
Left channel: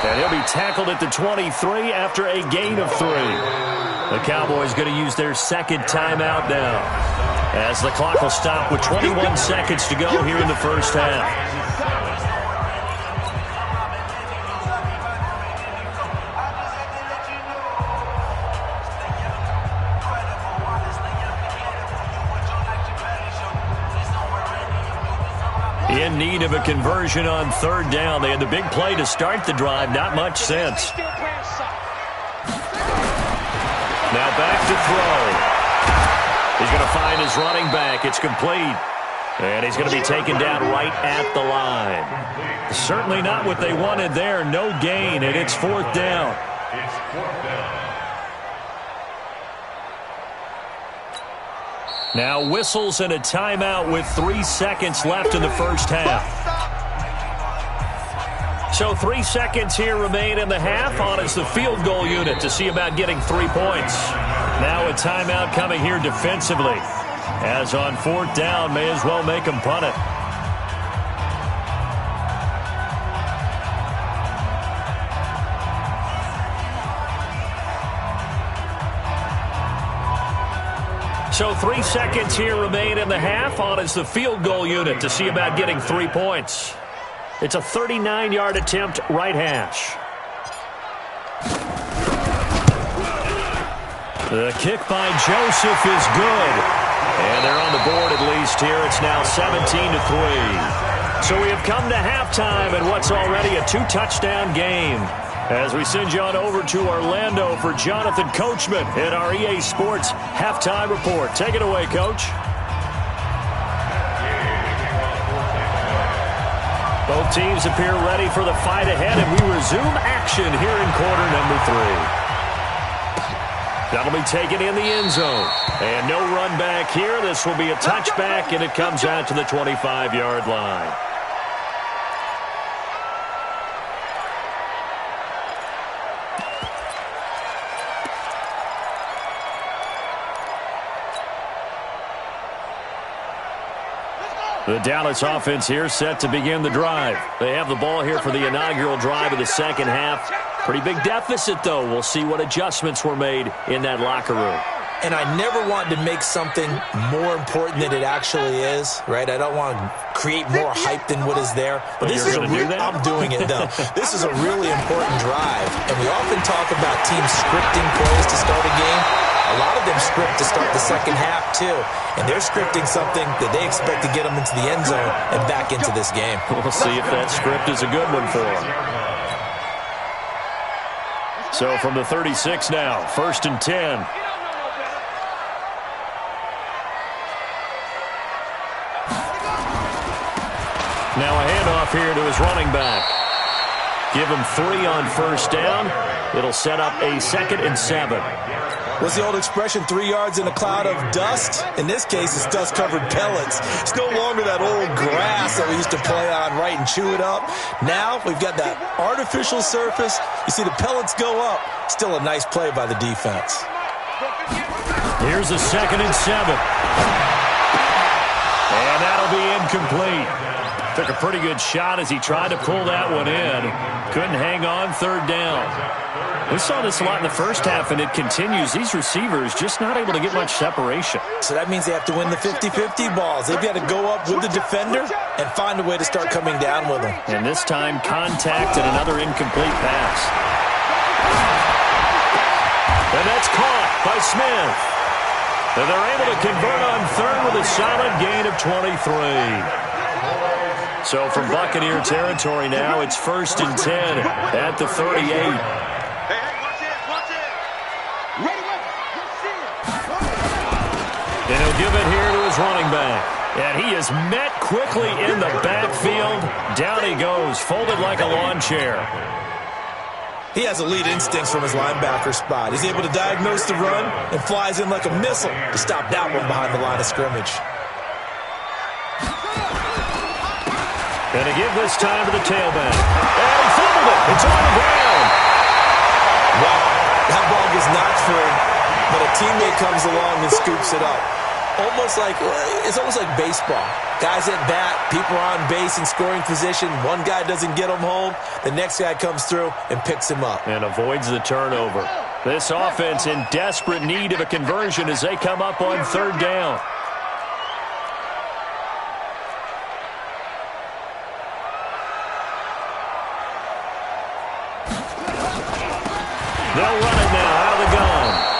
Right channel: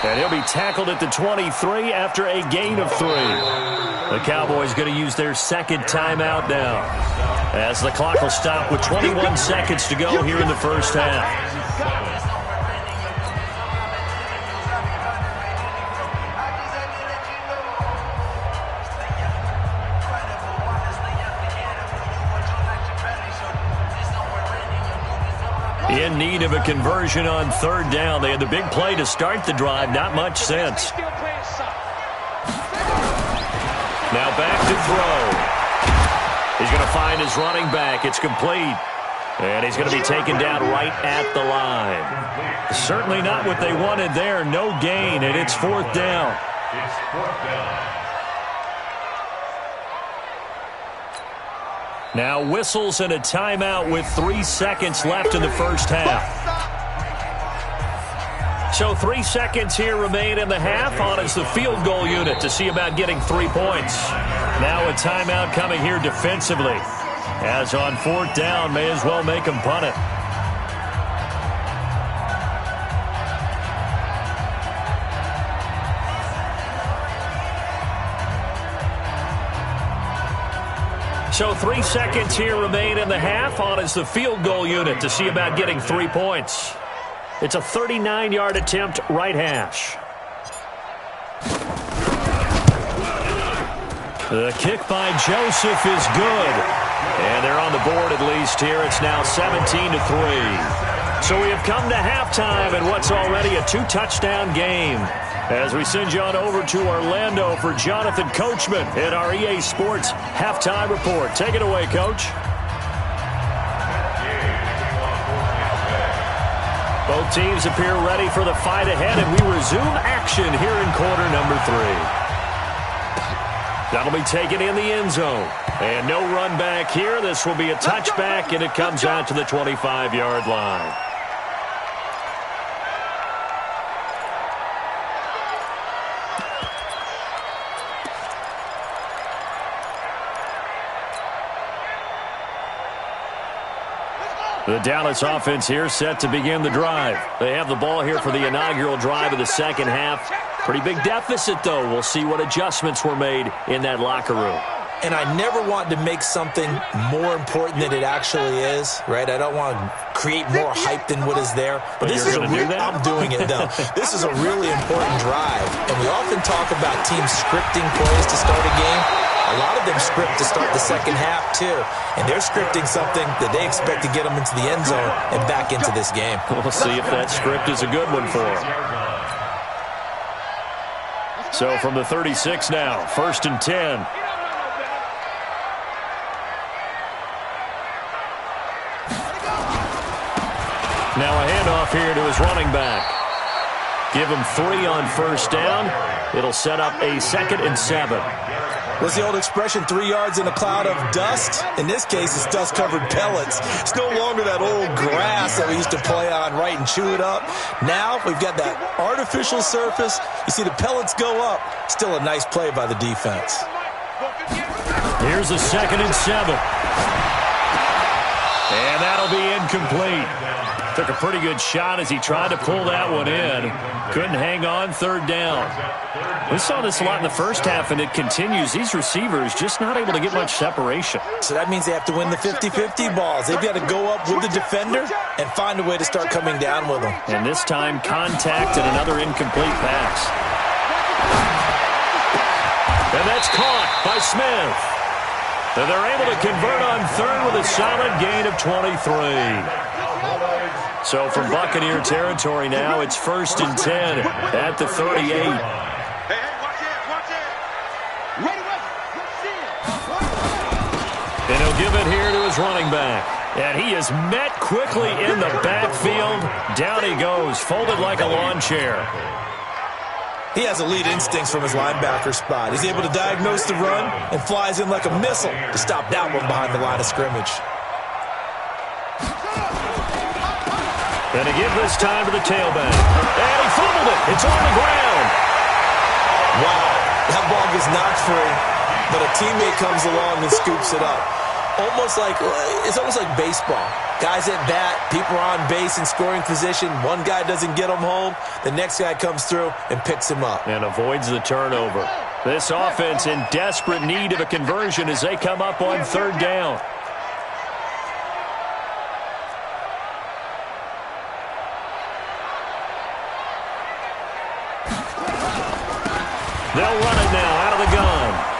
And he'll be tackled at the 23 after a gain of 3. The Cowboys going to use their second timeout now, as the clock will stop with 21 seconds to go here in the first half. In need of a conversion on third down. They had the big play to start the drive. Not much sense. Now back to throw. He's going to find his running back. It's complete. And he's going to be taken down right at the line. Certainly not what they wanted there. No gain, and it's 4th down. It's 4th down. Now whistles and a timeout with 3 seconds left in the first half. So 3 seconds here remain in the half. On is the field goal unit to see about getting 3 points. Now a timeout coming here defensively. As on 4th down, may as well make them punt it. So 3 seconds here remain in the half. On is the field goal unit to see about getting 3 points. It's a 39-yard attempt, right hash. The kick by Joseph is good. And they're on the board at least here. It's now 17-3. So we have come to halftime in what's already a 2-touchdown game. As we send you on over to Orlando for Jonathan Coachman in our EA Sports Halftime Report. Take it away, Coach. Both teams appear ready for the fight ahead, and we resume action here in quarter number 3. That'll be taken in the end zone. And no run back here. This will be a touchback, and it comes out to the 25-yard line. The Dallas offense here set to begin the drive. They have the ball here for the inaugural drive of the second half. Pretty big deficit, though. We'll see what adjustments were made in that locker room. And I never want to make something more important than it actually is, right? I don't want to create more hype than what is there. But this is I'm doing it, though. This is a really important drive. And we often talk about teams scripting plays to start a game. A lot of them script to start the second half, too. And they're scripting something that they expect to get them into the end zone and back into this game. We'll see if that script is a good one for them. So from the 36 now, 1st and 10. Now a handoff here to his running back. Give him 3 on 1st down. It'll set up a 2nd and 7. What's the old expression, 3 yards in a cloud of dust? In this case, it's dust-covered pellets. It's no longer that old grass that we used to play on, right, and chew it up. Now we've got that artificial surface. You see the pellets go up. Still a nice play by the defense. Here's a 2nd and 7. And that'll be incomplete. Took a pretty good shot as he tried to pull that one in. Couldn't hang on, 3rd down. We saw this a lot in the first half, and it continues. These receivers just not able to get much separation. So that means they have to win the 50-50 balls. They've got to go up with the defender and find a way to start coming down with them. And this time, contact and another incomplete pass. And that's caught by Smith. And they're able to convert on 3rd with a solid gain of 23. So from Buccaneer territory now, it's 1st and 10 at the 38. Hey, watch it. Ready, And he'll give it here to his running back. And he is met quickly in the backfield. Down he goes, folded like a lawn chair. He has elite instincts from his linebacker spot. He's able to diagnose the run and flies in like a missile to stop that one behind the line of scrimmage. And to give this time to the tailback. And he fumbled it. It's on the ground. Wow. That ball gets knocked free, but a teammate comes along and scoops it up. It's almost like baseball. Guys at bat, people are on base in scoring position. One guy doesn't get him home. The next guy comes through and picks him up. And avoids the turnover. This offense in desperate need of a conversion as they come up on 3rd down. They'll run it now out of the gun.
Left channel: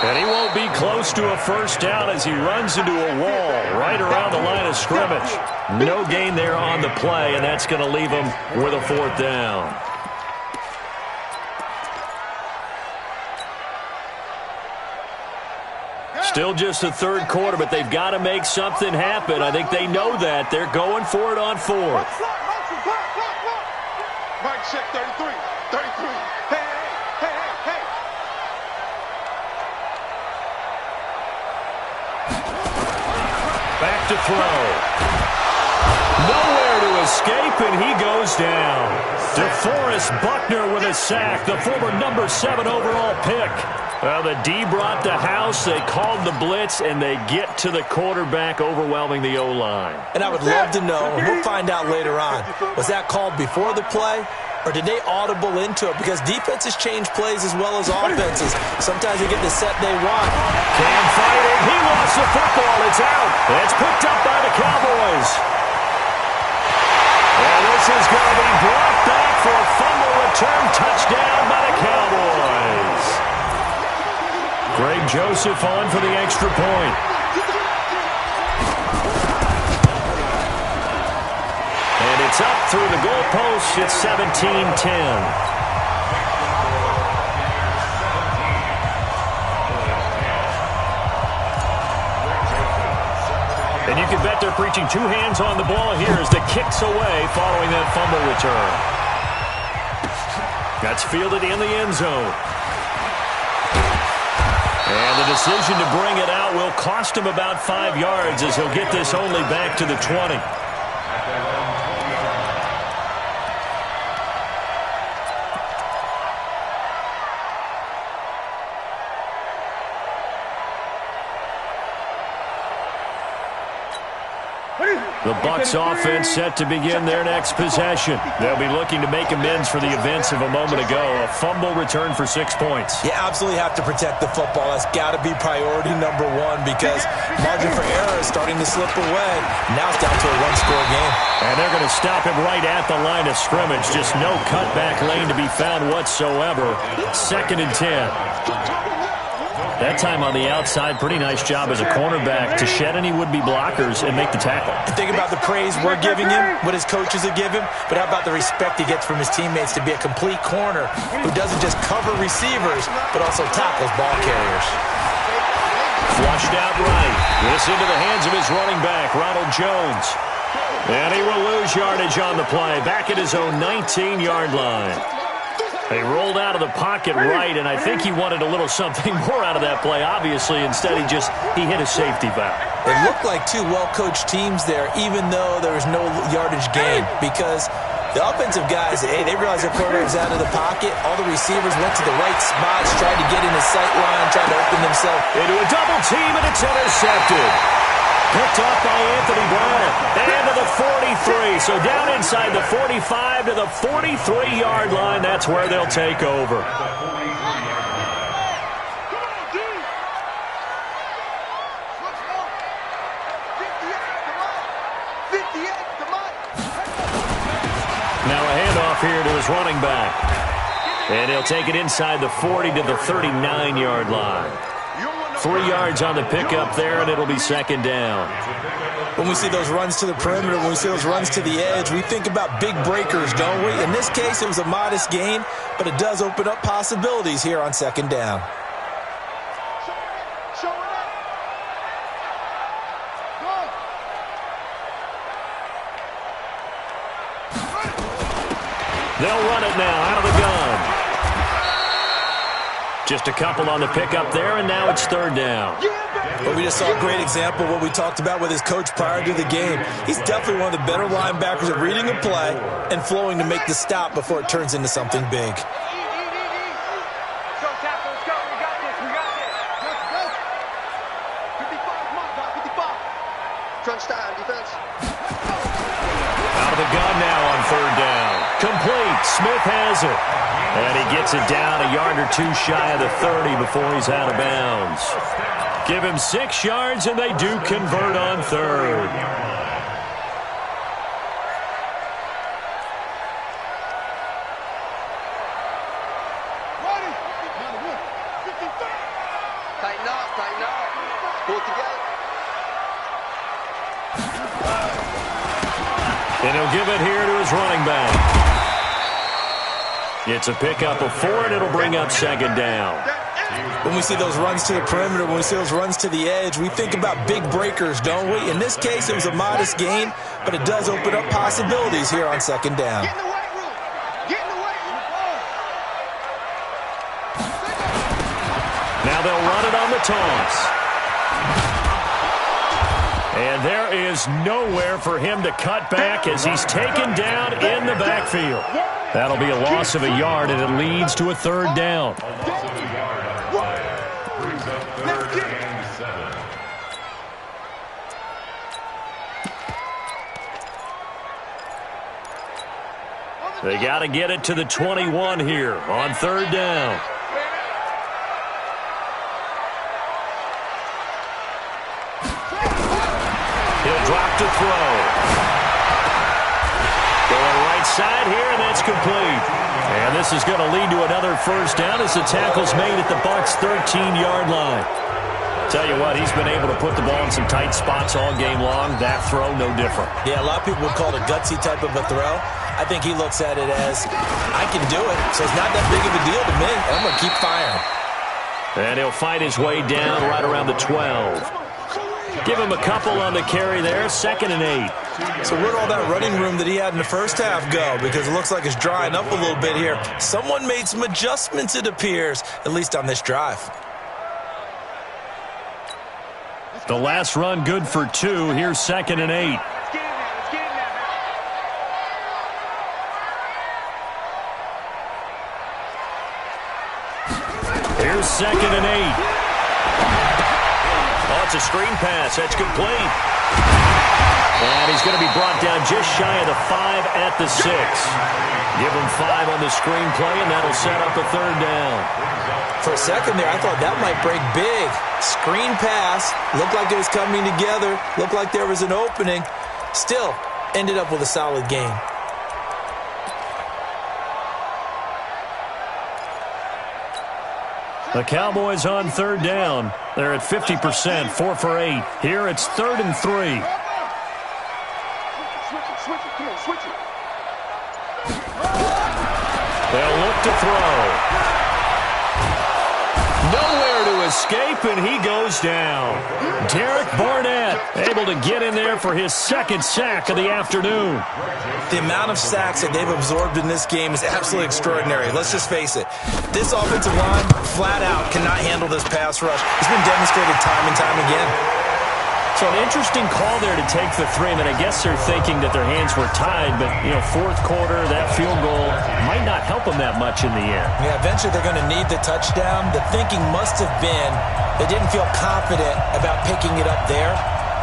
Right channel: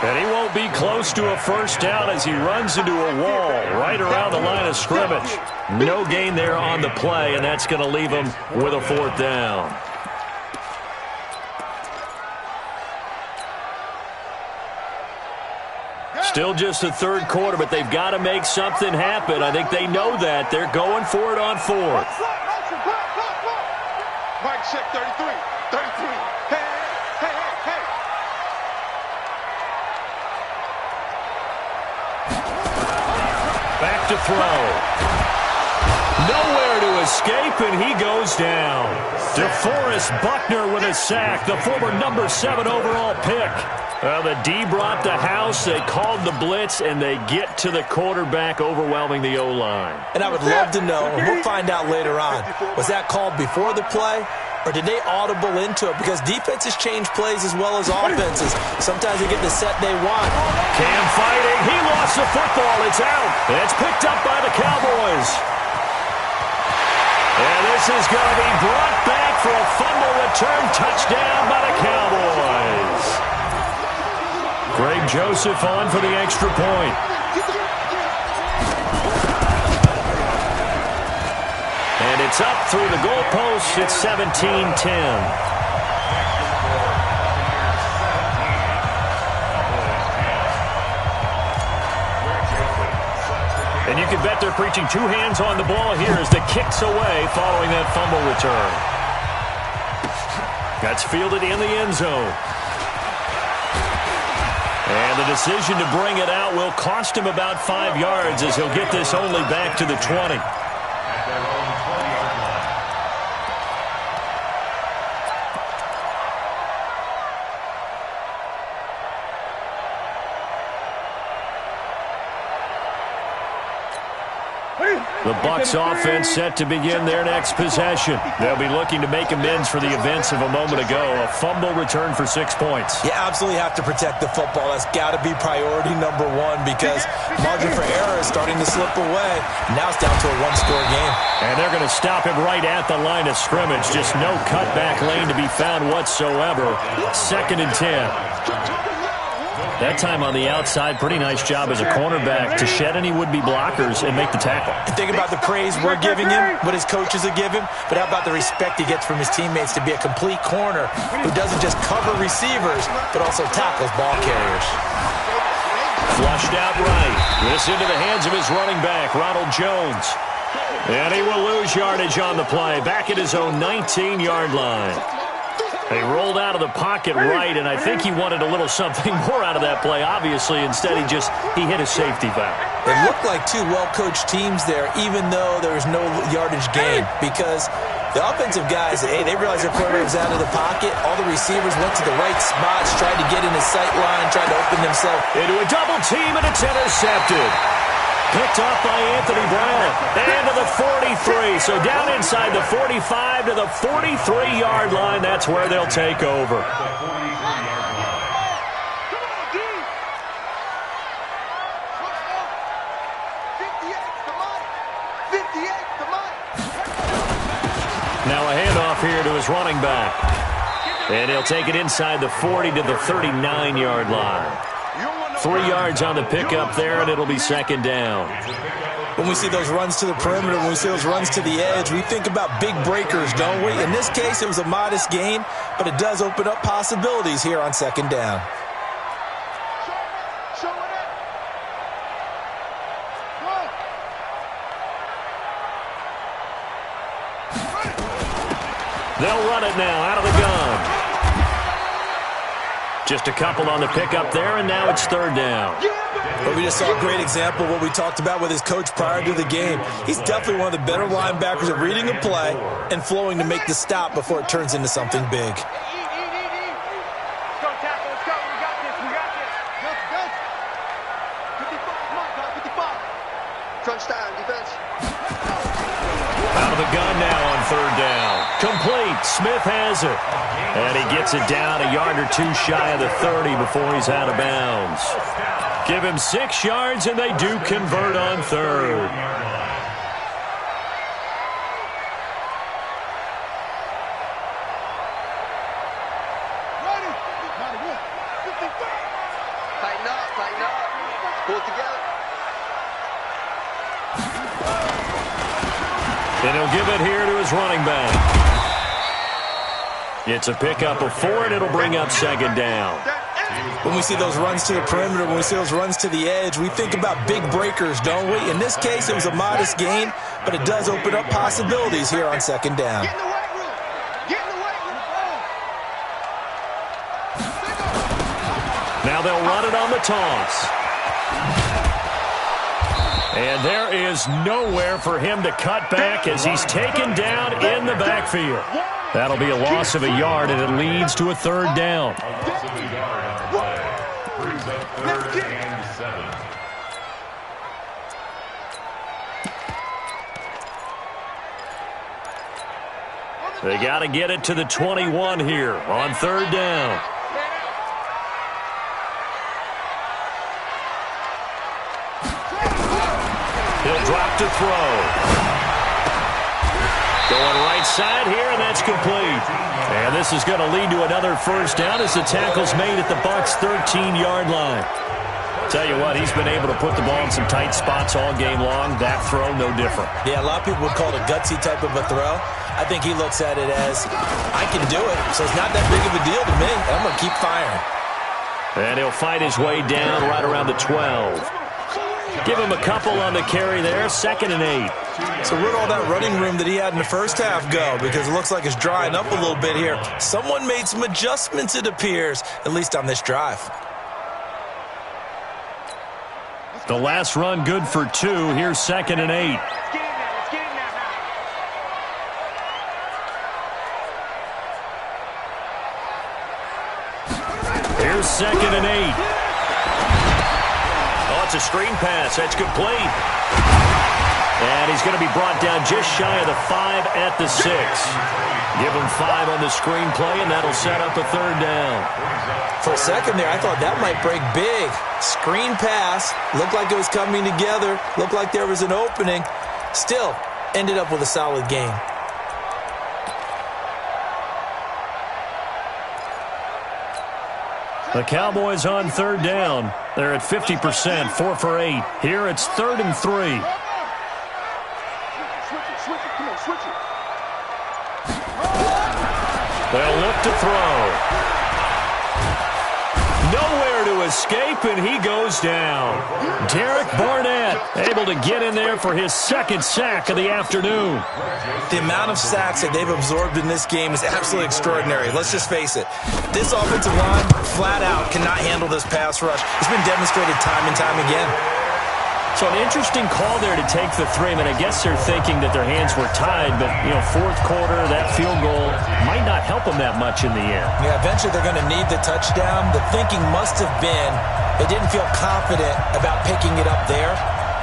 And he won't be close to a 1st down as he runs into a wall right around the line of scrimmage. No gain there on the play, and that's going to leave him with a 4th down. Still just the third quarter, but they've got to make something happen. I think they know that. They're going for it on fourth. Mike check 33. 33. Hey. Back to throw. Nowhere to escape, and he goes down. DeForest Buckner with a sack, the former number 7 overall pick. Well, the D brought the house. They called the blitz, and they get to the quarterback, overwhelming the O-line. And I would love to know, and we'll find out later on, was that called before the play, or did they audible into it? Because defenses change plays as well as offenses. Sometimes they get the set they want. Cam fighting. He lost the football. It's out. It's picked up by the Cowboys. And this is going to be brought back for a fumble return touchdown by the Cowboys. Greg Joseph on for the extra point. And it's up through the goalpost. It's 17-10. And you can bet they're preaching 2 hands on the ball here as the kick's away following that fumble return. That's fielded in the end zone. And the decision to bring it out will cost him about 5 yards as he'll get this only back to the 20. The Bucs offense set to begin their next possession. They'll be looking to make amends for the events of a moment ago. A fumble return for 6 points. You absolutely have to protect the football. That's got to be priority number 1 because margin for error is starting to slip away. Now it's down to a 1-score game. And they're going to stop him right at the line of scrimmage. Just no cutback lane to be found whatsoever. 2nd and 10. That time on the outside, pretty nice job as a cornerback to shed any would-be blockers and make the tackle. And think about the praise we're giving him, what his coaches are giving, but how about the respect he gets from his teammates to be a complete corner who doesn't just cover receivers, but also tackles ball carriers. Flushed out right. This into the hands of his running back, Ronald Jones. And he will lose yardage on the play, back at his own 19-yard line. He rolled out of the pocket right, and I think he wanted a little something more out of that play, obviously. Instead, he hit a safety valve. It looked like 2 well-coached teams there, even though there was no yardage gain, because the offensive guys, they realized their quarterback was out of the pocket. All the receivers went to the right spots, tried to get in his sight line, tried to open themselves. Into a double team, and it's intercepted. Picked off by Anthony Brown. And to the 43. So down inside the 45 to the 43-yard line. That's where they'll take over. Now a handoff here to his running back. And he'll take it inside the 40 to the 39-yard line. 3 yards on the pickup there, and it'll be 2nd down. When we see those runs to the perimeter, when we see those runs to the edge, we think about big breakers, don't we? In this case, it was a modest gain, but it does open up possibilities here on 2nd down. They'll run it now out of the gun. Just a couple on the pickup there, and now it's 3rd down. But we just saw a great example of what we talked about with his coach prior to the game. He's definitely one of the better linebackers at reading a play and flowing to make the stop before it turns into something big. Let's go, tackle. Let's go. We got this. We got this. Go. 55, Mike. 55. Crunch time, defense. Out of the gun now on 3rd down. Complete. Smith has it. And he gets it down a yard or 2 shy of the 30 before he's out of bounds. Give him 6 yards, and they do convert on 3rd. Ready. Tighten up. Pull it together. And he'll give it here to his running back. It's a pickup of 4, and it'll bring up 2nd down. When we see those runs to the perimeter, when we see those runs to the edge, we think about big breakers, don't we? In this case, it was a modest gain, but it does open up possibilities here on second down. Get in the weight room. Get in the weight room. Now they'll run it on the toss. And there is nowhere for him to cut back as he's taken down in the backfield. That'll be a loss of a yard, and it leads to a third down. A loss of a yard on the play. Brings up 3rd and 7. They got to get it to the 21 here on 3rd down. He'll drop to throw. Going right side here, and that's complete. And this is going to lead to another first down as the tackle's made at the Bucs' 13-yard line. Tell you what, he's been able to put the ball in some tight spots all game long. That throw, no different. Yeah, a lot of people would call it a gutsy type of a throw. I think he looks at it as, I can do it, so it's not that big of a deal to me, and I'm going to keep firing. And he'll fight his way down right around the 12. Give him a couple on the carry there, 2nd and 8. So where'd all that running room that he had in the first half go? Because it looks like it's drying up a little bit here. Someone made some adjustments, it appears, at least on this drive. The last run good for 2. Here's 2nd and 8. Let's get in there. Let's get in there now. Here's 2nd and 8. Oh, it's a screen pass. That's complete. And he's going to be brought down just shy of the 5 at the 6. Give him 5 on the screen play, and that'll set up a 3rd down. For a second there, I thought that might break big. Screen pass. Looked like it was coming together. Looked like there was an opening. Still, ended up with a solid gain. The Cowboys on 3rd down. They're at 50%, 4 for 8. Here it's 3rd and 3. Switch it. Come on, switch it. They'll look to throw. Nowhere to escape, and he goes down. Derek Barnett able to get in there for his 2nd sack of the afternoon. The amount of sacks that they've absorbed in this game is absolutely extraordinary. Let's just face it. This offensive line, flat out, cannot handle this pass rush. It's been demonstrated time and time again. So an interesting call there to take the 3. I mean, I guess they're thinking that their hands were tied, but, you know, 4th quarter, that field goal might not help them that much in the end. Yeah, eventually they're going to need the touchdown. The thinking must have been they didn't feel confident about picking it up there,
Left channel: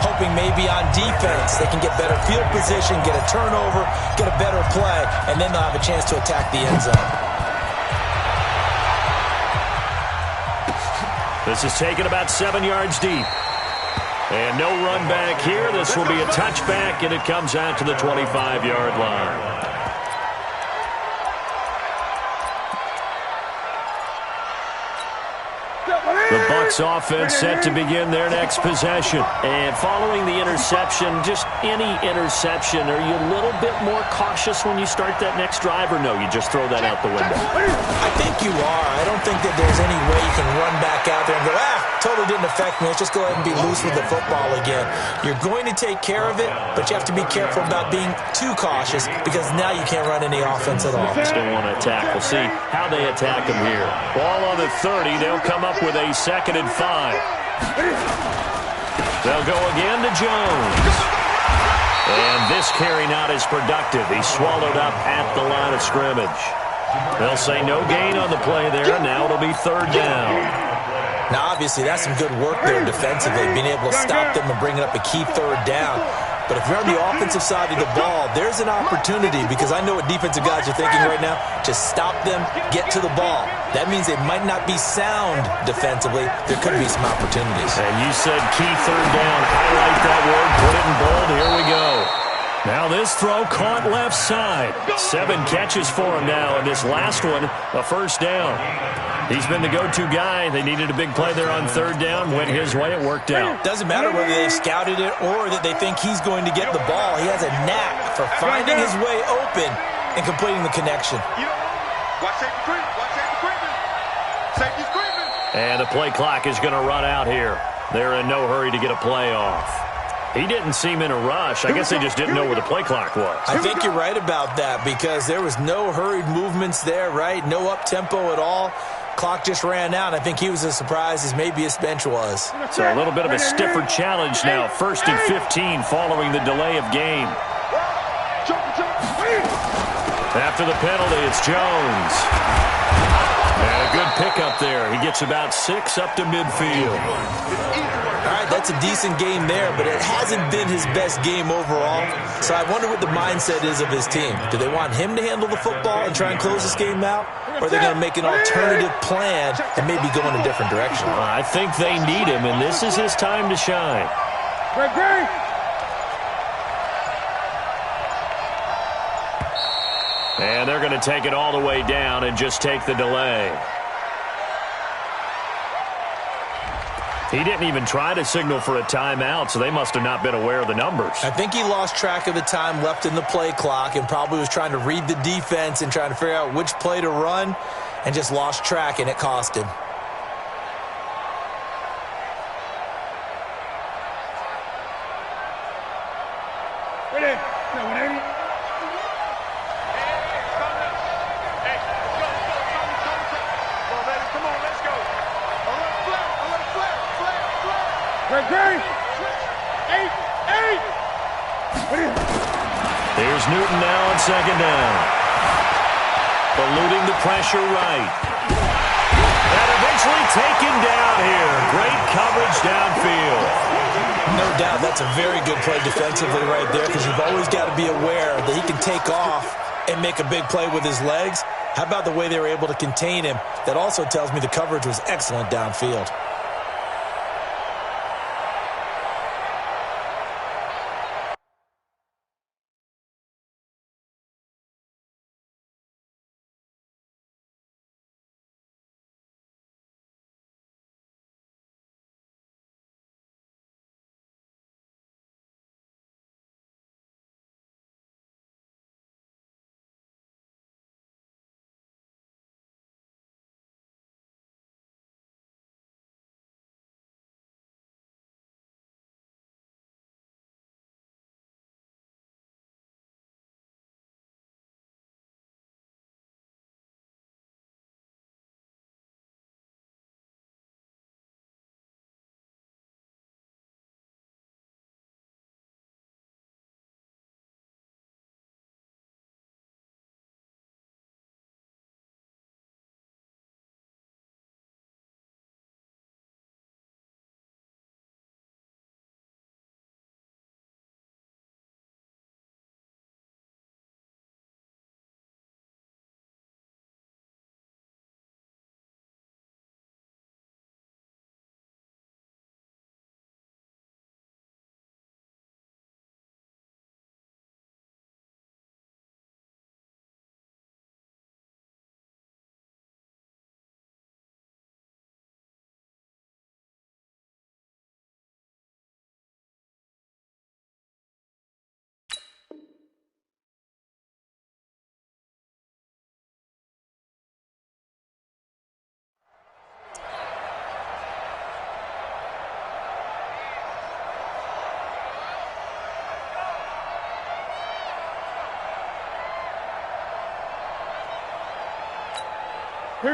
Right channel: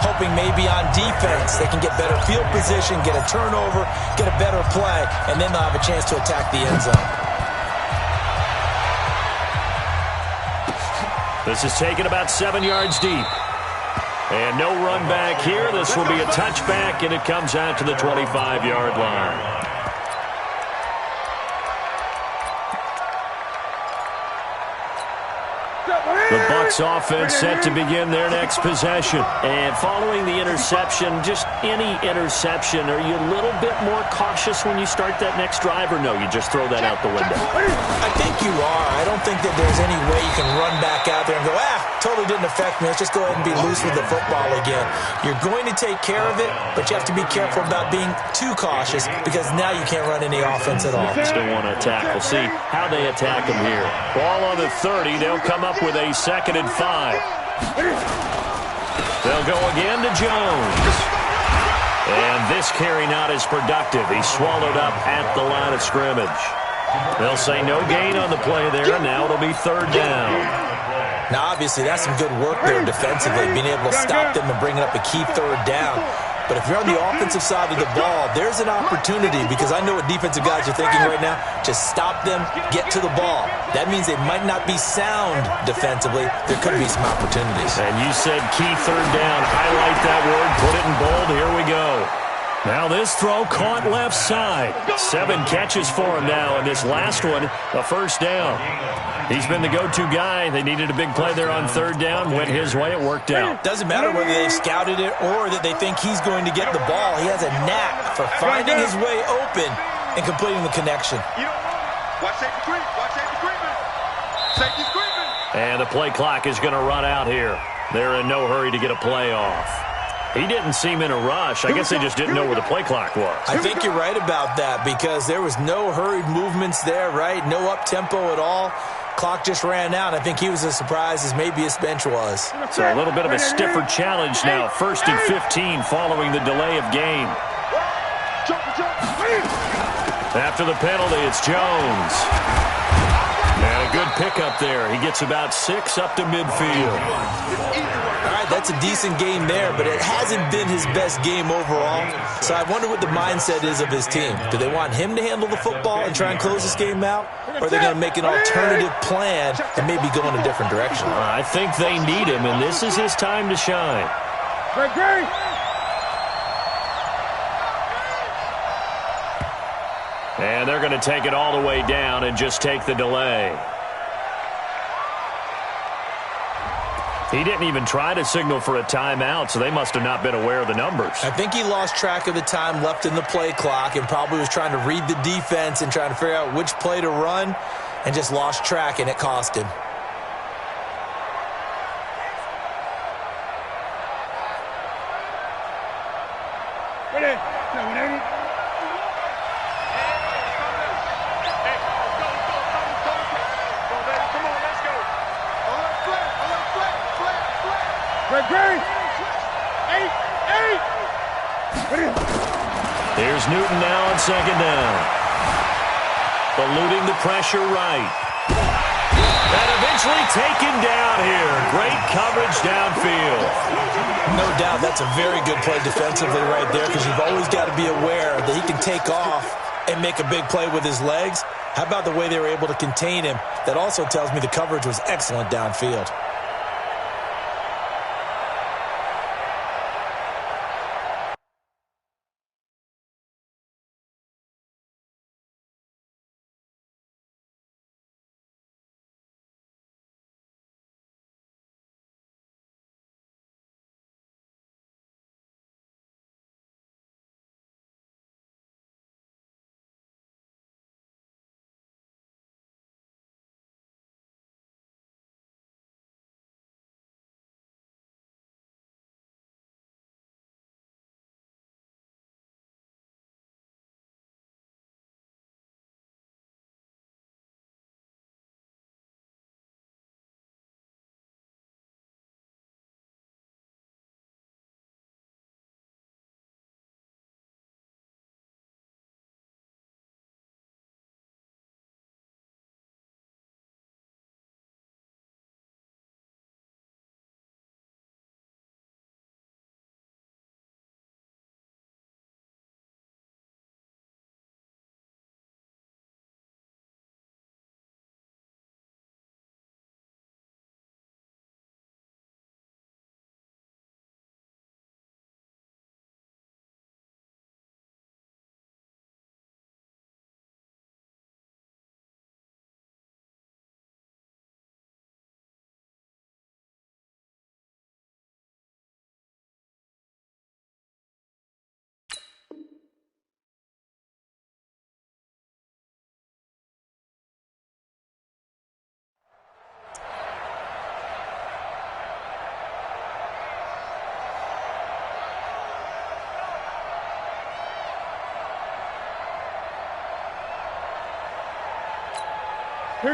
hoping maybe on defense they can get better field position, get a turnover, get a better play, and then they'll have a chance to attack the end zone. This is taken about 7 yards deep. And no run back here. This will be a touchback, and it comes out to the 25-yard line. The Bucs offense set to begin their next possession. And following the interception, just any interception, are you a little bit more cautious when you start that next drive, or no, you just throw that out the window? I think you are. I don't think that there's any way you can run back out there and go, totally didn't affect me. Let's just go ahead and be loose with the football again. You're going to take care of it, but you have to be careful about being too cautious because now you can't run any offense at all. Still want to attack. We'll see how they attack him here. Ball on the 30. They'll come up with a 2nd and 5. They'll go again to Jones. And this carry not as productive. He's swallowed up at the line of scrimmage. They'll say no gain on the play there, and now it'll be 3rd down. Now, obviously, that's some good work there defensively, being able to stop them and bringing up a key 3rd down. But if you're on the offensive side of the ball, there's an opportunity, because I know what defensive guys are thinking right now. Just stop them, get to the ball. That means they might not be sound defensively. There could be some opportunities. And you said key 3rd down. Highlight that word. Put it in bold. Here we go. Now this throw caught left side. 7 catches for him now, and this last one, a 1st down. He's been the go-to guy. They needed a big play there on 3rd down. Went his way. It worked out. Doesn't matter whether they've scouted it or that they think he's going to get the ball. He has a knack for finding his way open and completing the connection. You don't want it. Watch safety creep. Watch safety creeping. Safety's creeping. And the play clock is going to run out here. They're in no hurry to get a play off. He didn't seem in a rush. I guess they just didn't know where the play clock was. I think you're right about that because there was no hurried movements there, right? No up-tempo at all. Clock just ran out. I think he was as surprised as maybe his bench was. So a little bit of a stiffer challenge now. 1st and 15 following the delay of game. After the penalty, it's Jones. And a good pickup there. He gets about 6 up to midfield. All right, that's a decent game there, but it hasn't been his best game overall. So I wonder what the mindset is of his team. Do they want him to handle the football and try and close this game out? Or are they going to make an alternative plan and maybe go in a different direction? I think they need him, and this is his time to shine. And they're going to take it all the way down and just take the delay. He didn't even try to signal for a timeout, so they must have not been aware of the numbers. I think he lost track of the time left in the play clock and probably was trying to read the defense and trying to figure out which play to run and just lost track, and it cost him. Ready? No, 180. Great. 8. Here's Newton now on 2nd down. Eluding the pressure right. And eventually taken down here. Great coverage downfield. No doubt that's a very good play defensively right there because you've always got to be aware that he can take off and make a big play with his legs. How about the way they were able to contain him? That also tells me the coverage was excellent downfield.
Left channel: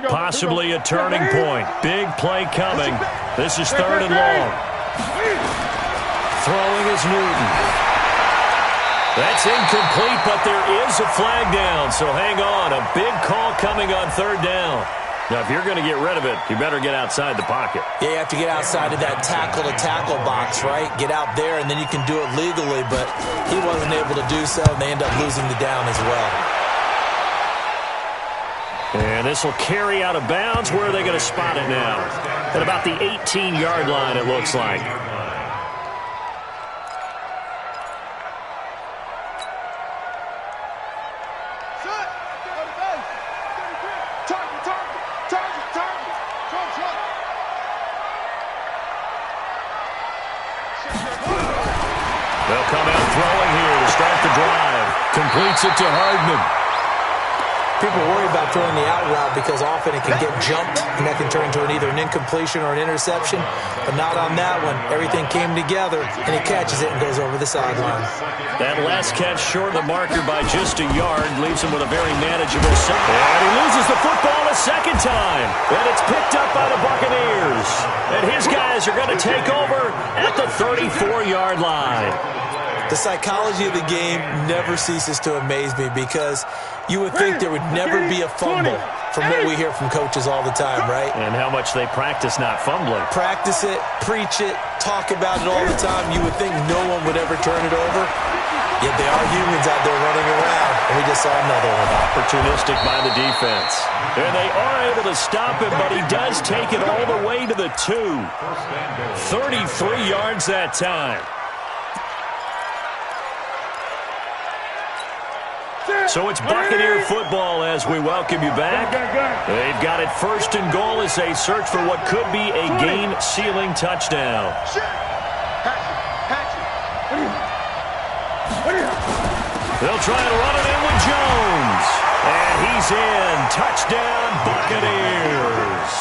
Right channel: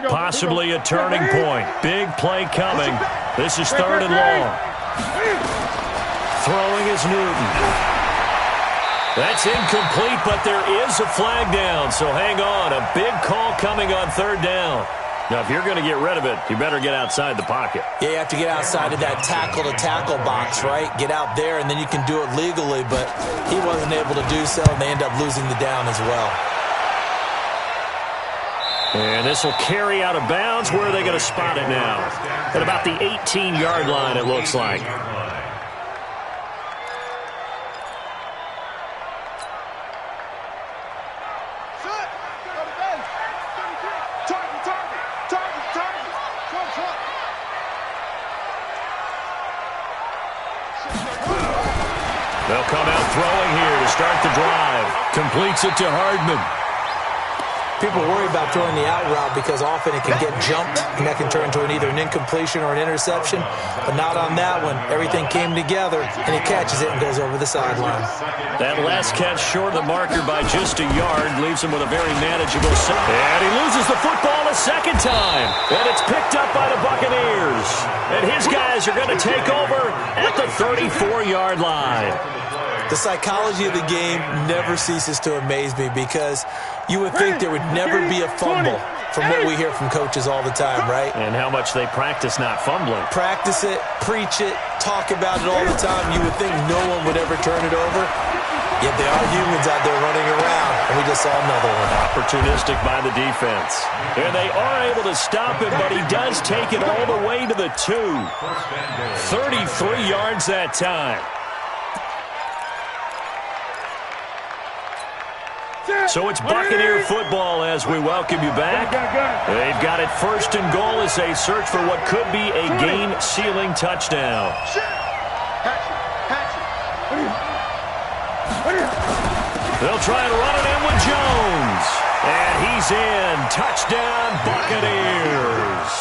Possibly a turning point. Big play coming. This is 3rd and long. Throwing is Newton. That's incomplete, but there is a flag down, so hang on. A big call coming on 3rd down. Now, if you're going to get rid of it, you better get outside the pocket. Yeah, you have to get outside of that tackle-to-tackle box, right? Get out there, and then you can do it legally, but he wasn't able to do so, and they end up losing the down as well. And this will carry out of bounds. Where are they going to spot it now? At about the 18-yard line, it looks like. They'll come out throwing here to start the drive. Completes it to Hardman. People worry about throwing the out route because often it can get jumped, and that can turn into either an incompletion or an interception. But not on that one. Everything came together, and he catches it and goes over the sideline. That last catch short of the marker by just a yard leaves him with a very manageable set. And he loses the football a second time. And it's picked up by the Buccaneers. And his guys are going to take over at the 34-yard line. The psychology of the game never ceases to amaze me because you would think there would never be a fumble from what we hear from coaches all the time, right? And how much they practice not fumbling. Practice it, preach it, talk about it all the time. You would think no one would ever turn it over. Yet there are humans out there running around, and we just saw another one. Opportunistic by the defense. And they are able to stop him, but he does take it all the way to the 2. 33 yards that time. So it's Buccaneer football as we welcome you back. They've got it first and goal as they search for what could be a game-sealing touchdown. They'll try and run it in with Jones. And he's in. Touchdown, Buccaneers.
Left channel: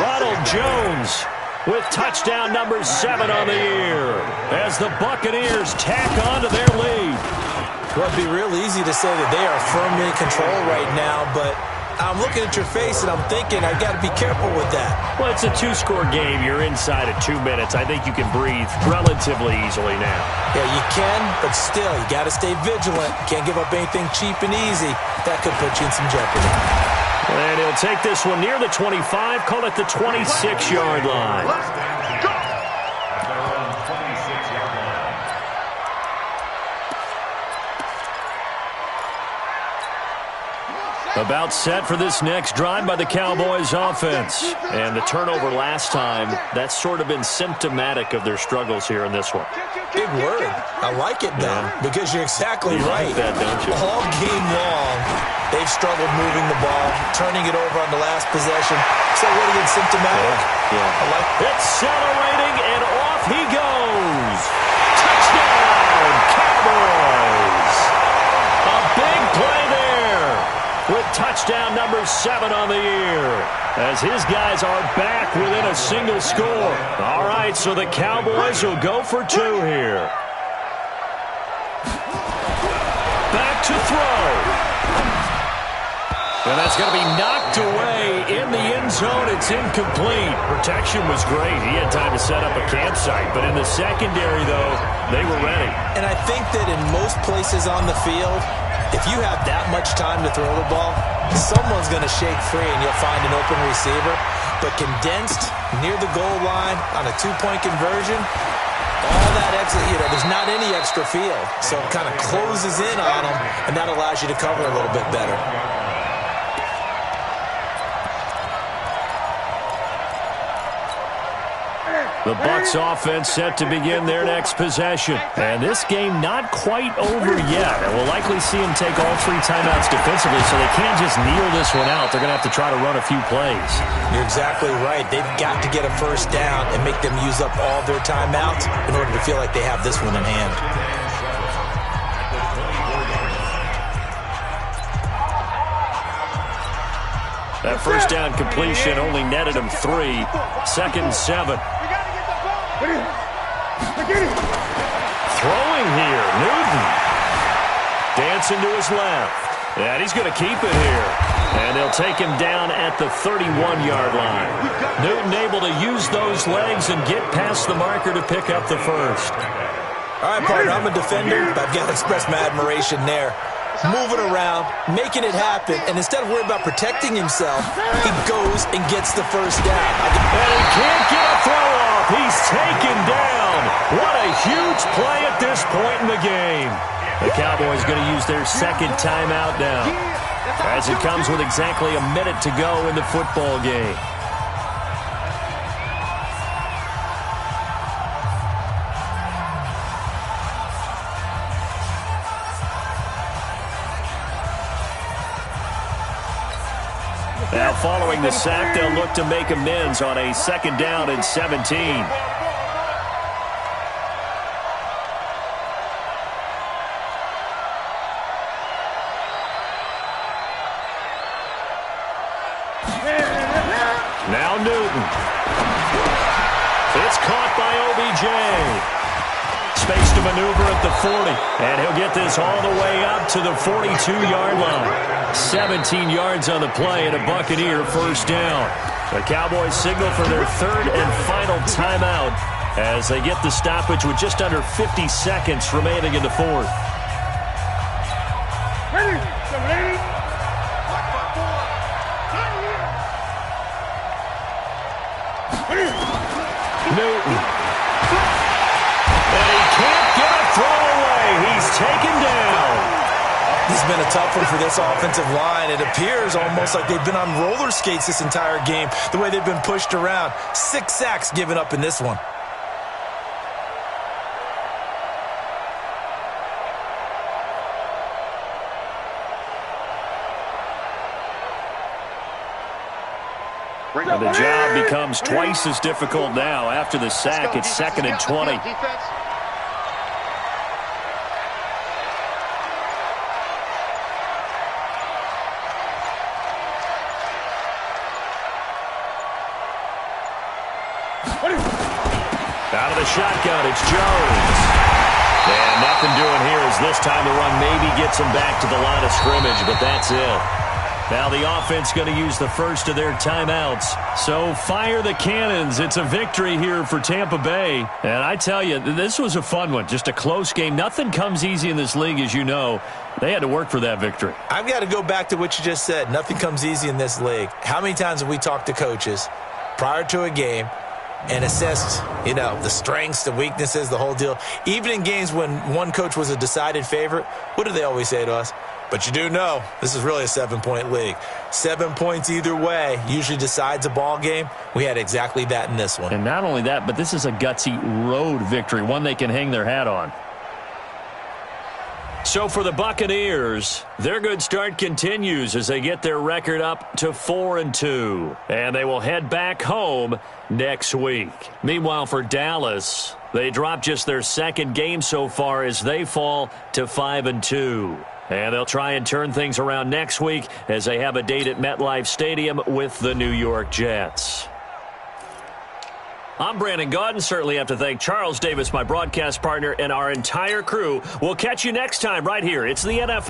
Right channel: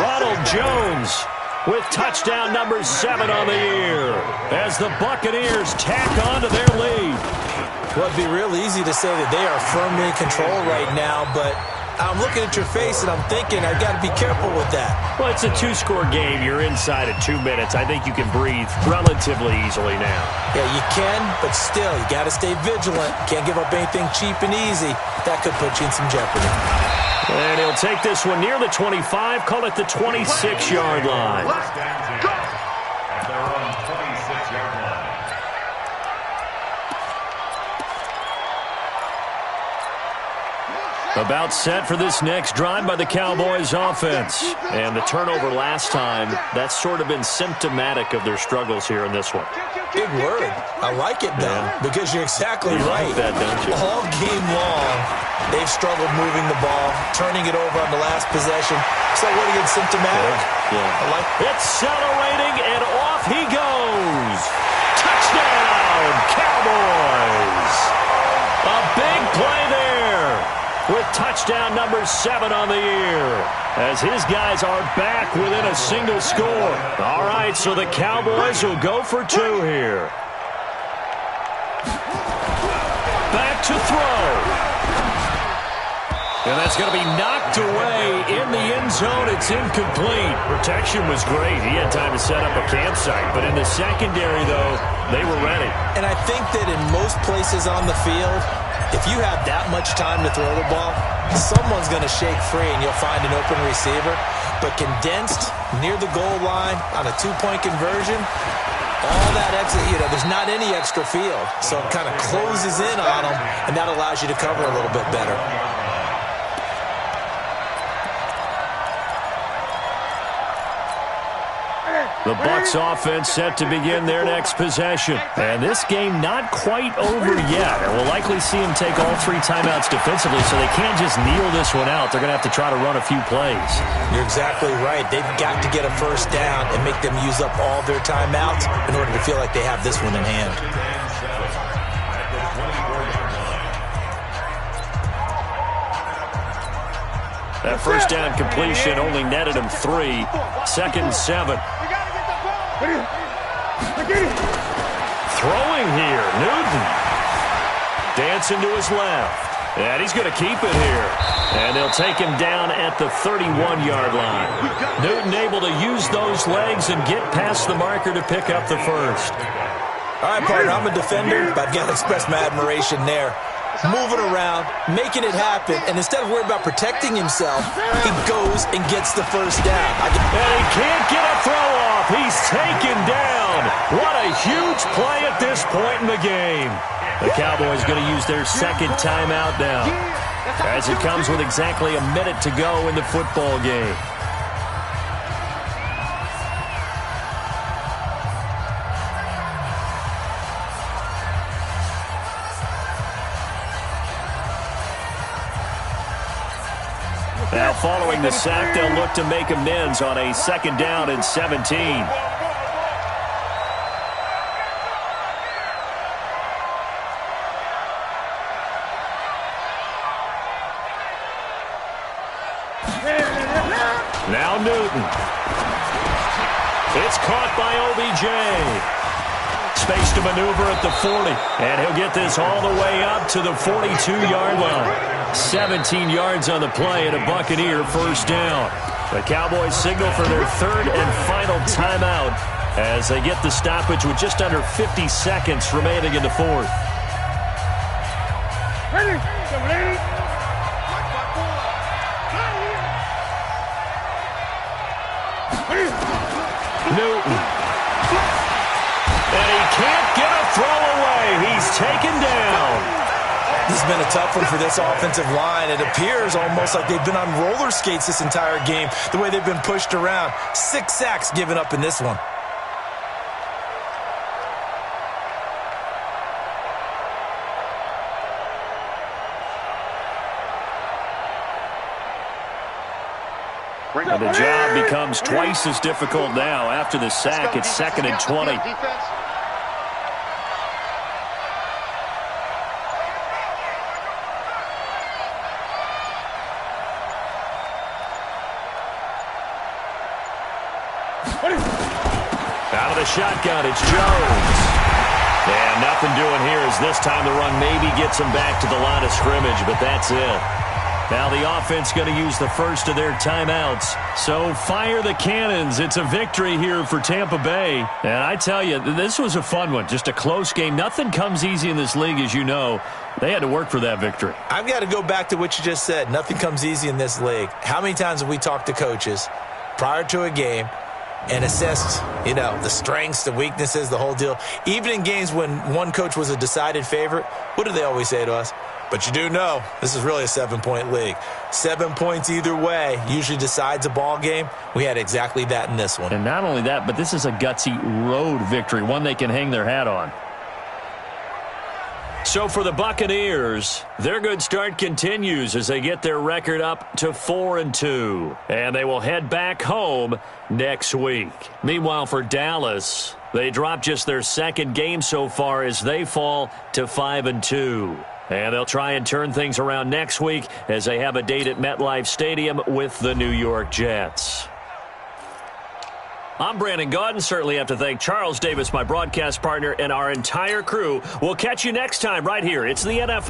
Ronald Jones with touchdown number 7 on the year as the Buccaneers tack on to their lead. Well, it'd be real easy to say that they are firmly in control right now, but I'm looking at your face and I'm thinking I've got to be careful with that. Well, it's a 2-score game. You're inside of 2 minutes. I think you can breathe relatively easily now. Yeah, you can, but still, you got to stay vigilant. Can't give up anything cheap and easy. That could put you in some jeopardy. And he'll take this one near the 25, call it the 26-yard line. At their own 26-yard line. About set for this next drive by the Cowboys offense. And the turnover last time, that's sort of been symptomatic of their struggles here in this one. Big word. I like it, though, because you're exactly right. Like that, don't you? All game long, they've struggled moving the ball, turning it over on the last possession. So what again, symptomatic? Yeah. I like it. Accelerating, and off he goes. Touchdown, Cowboys. A big play there with touchdown number 7 on the year as his guys are back within a single score. All right, so the Cowboys will go for 2 here. Back to throw. And that's going to be knocked away in the end zone. It's incomplete. Protection was great. He had time to set up a campsite. But in the secondary, though, they were ready. And I think that in most places on the field, if you have that much time to throw the ball, someone's going to shake free and you'll find an open receiver. But condensed near the goal line on a 2-point conversion, all that extra, there's not any extra field. So it kind of closes in on them, and that allows you to cover a little bit better. The Bucs offense set to begin their next possession. And this game not quite over yet. And we'll likely see them take all 3 timeouts defensively, so they can't just kneel this one out. They're going to have to try to run a few plays. You're exactly right. They've got to get a first down and make them use up all their timeouts in order to feel like they have this one in hand. That first down completion only netted him 3. 2nd and 7. Throwing here, Newton. Dancing to his left. And he's going to keep it here. And they'll take him down at the 31-yard line. Newton able to use those legs and get past the marker to pick up the first. All right, partner, I'm a defender, but I've got to express my admiration there. Moving around, making it happen, and instead of worrying about protecting himself, he goes and gets the first down. And he can't get a throw off. He's taken down. What a huge play at this point in the game. The Cowboys going to use their 2nd timeout now, as it comes with exactly a minute to go in the football game. Now, following the sack, they'll look to make amends on a 2nd down and 17. Now Newton. It's caught by OBJ. Space to maneuver at the 40. And he'll get this all the way up to the 42-yard line. 17 yards on the play and a Buccaneer first down. The Cowboys signal for their third and final timeout as they get the stoppage with just under 50 seconds remaining in the fourth. Ready? Newton. And he can't get a throw away. He's taken down. This has been a tough one for this offensive line. It appears almost like they've been on roller skates this entire game, the way they've been pushed around. 6 sacks given up in this one. And the job becomes twice as difficult now. After the sack, it's 2nd and 20. Out of the shotgun, it's Jones. And nothing doing here as this time the run maybe gets them back to the line of scrimmage, but that's it. Now the offense going to use the first of their timeouts. So fire the cannons. It's a victory here for Tampa Bay. And I tell you, this was a fun one. Just a close game. Nothing comes easy in this league, as you know. They had to work for that victory. I've got to go back to what you just said. Nothing comes easy in this league. How many times have we talked to coaches prior to a game and assessed, the strengths, the weaknesses, the whole deal? Even in games when one coach was a decided favorite, what do they always say to us? But you do know this is really a 7-point league. 7 points either way usually decides a ball game. We had exactly that in this one. And not only that, but this is a gutsy road victory, one they can hang their hat on. So for the Buccaneers, their good start continues as they get their record up to 4-2. And they will head back home next week. Meanwhile, for Dallas, they dropped just their second game so far as they fall to 5-2. And they'll try and turn things around next week as they have a date at MetLife Stadium with the New York Jets. I'm Brandon Gaudin. Certainly have to thank Charles Davis, my broadcast partner, and our entire crew. We'll catch you next time right here. It's the NFL.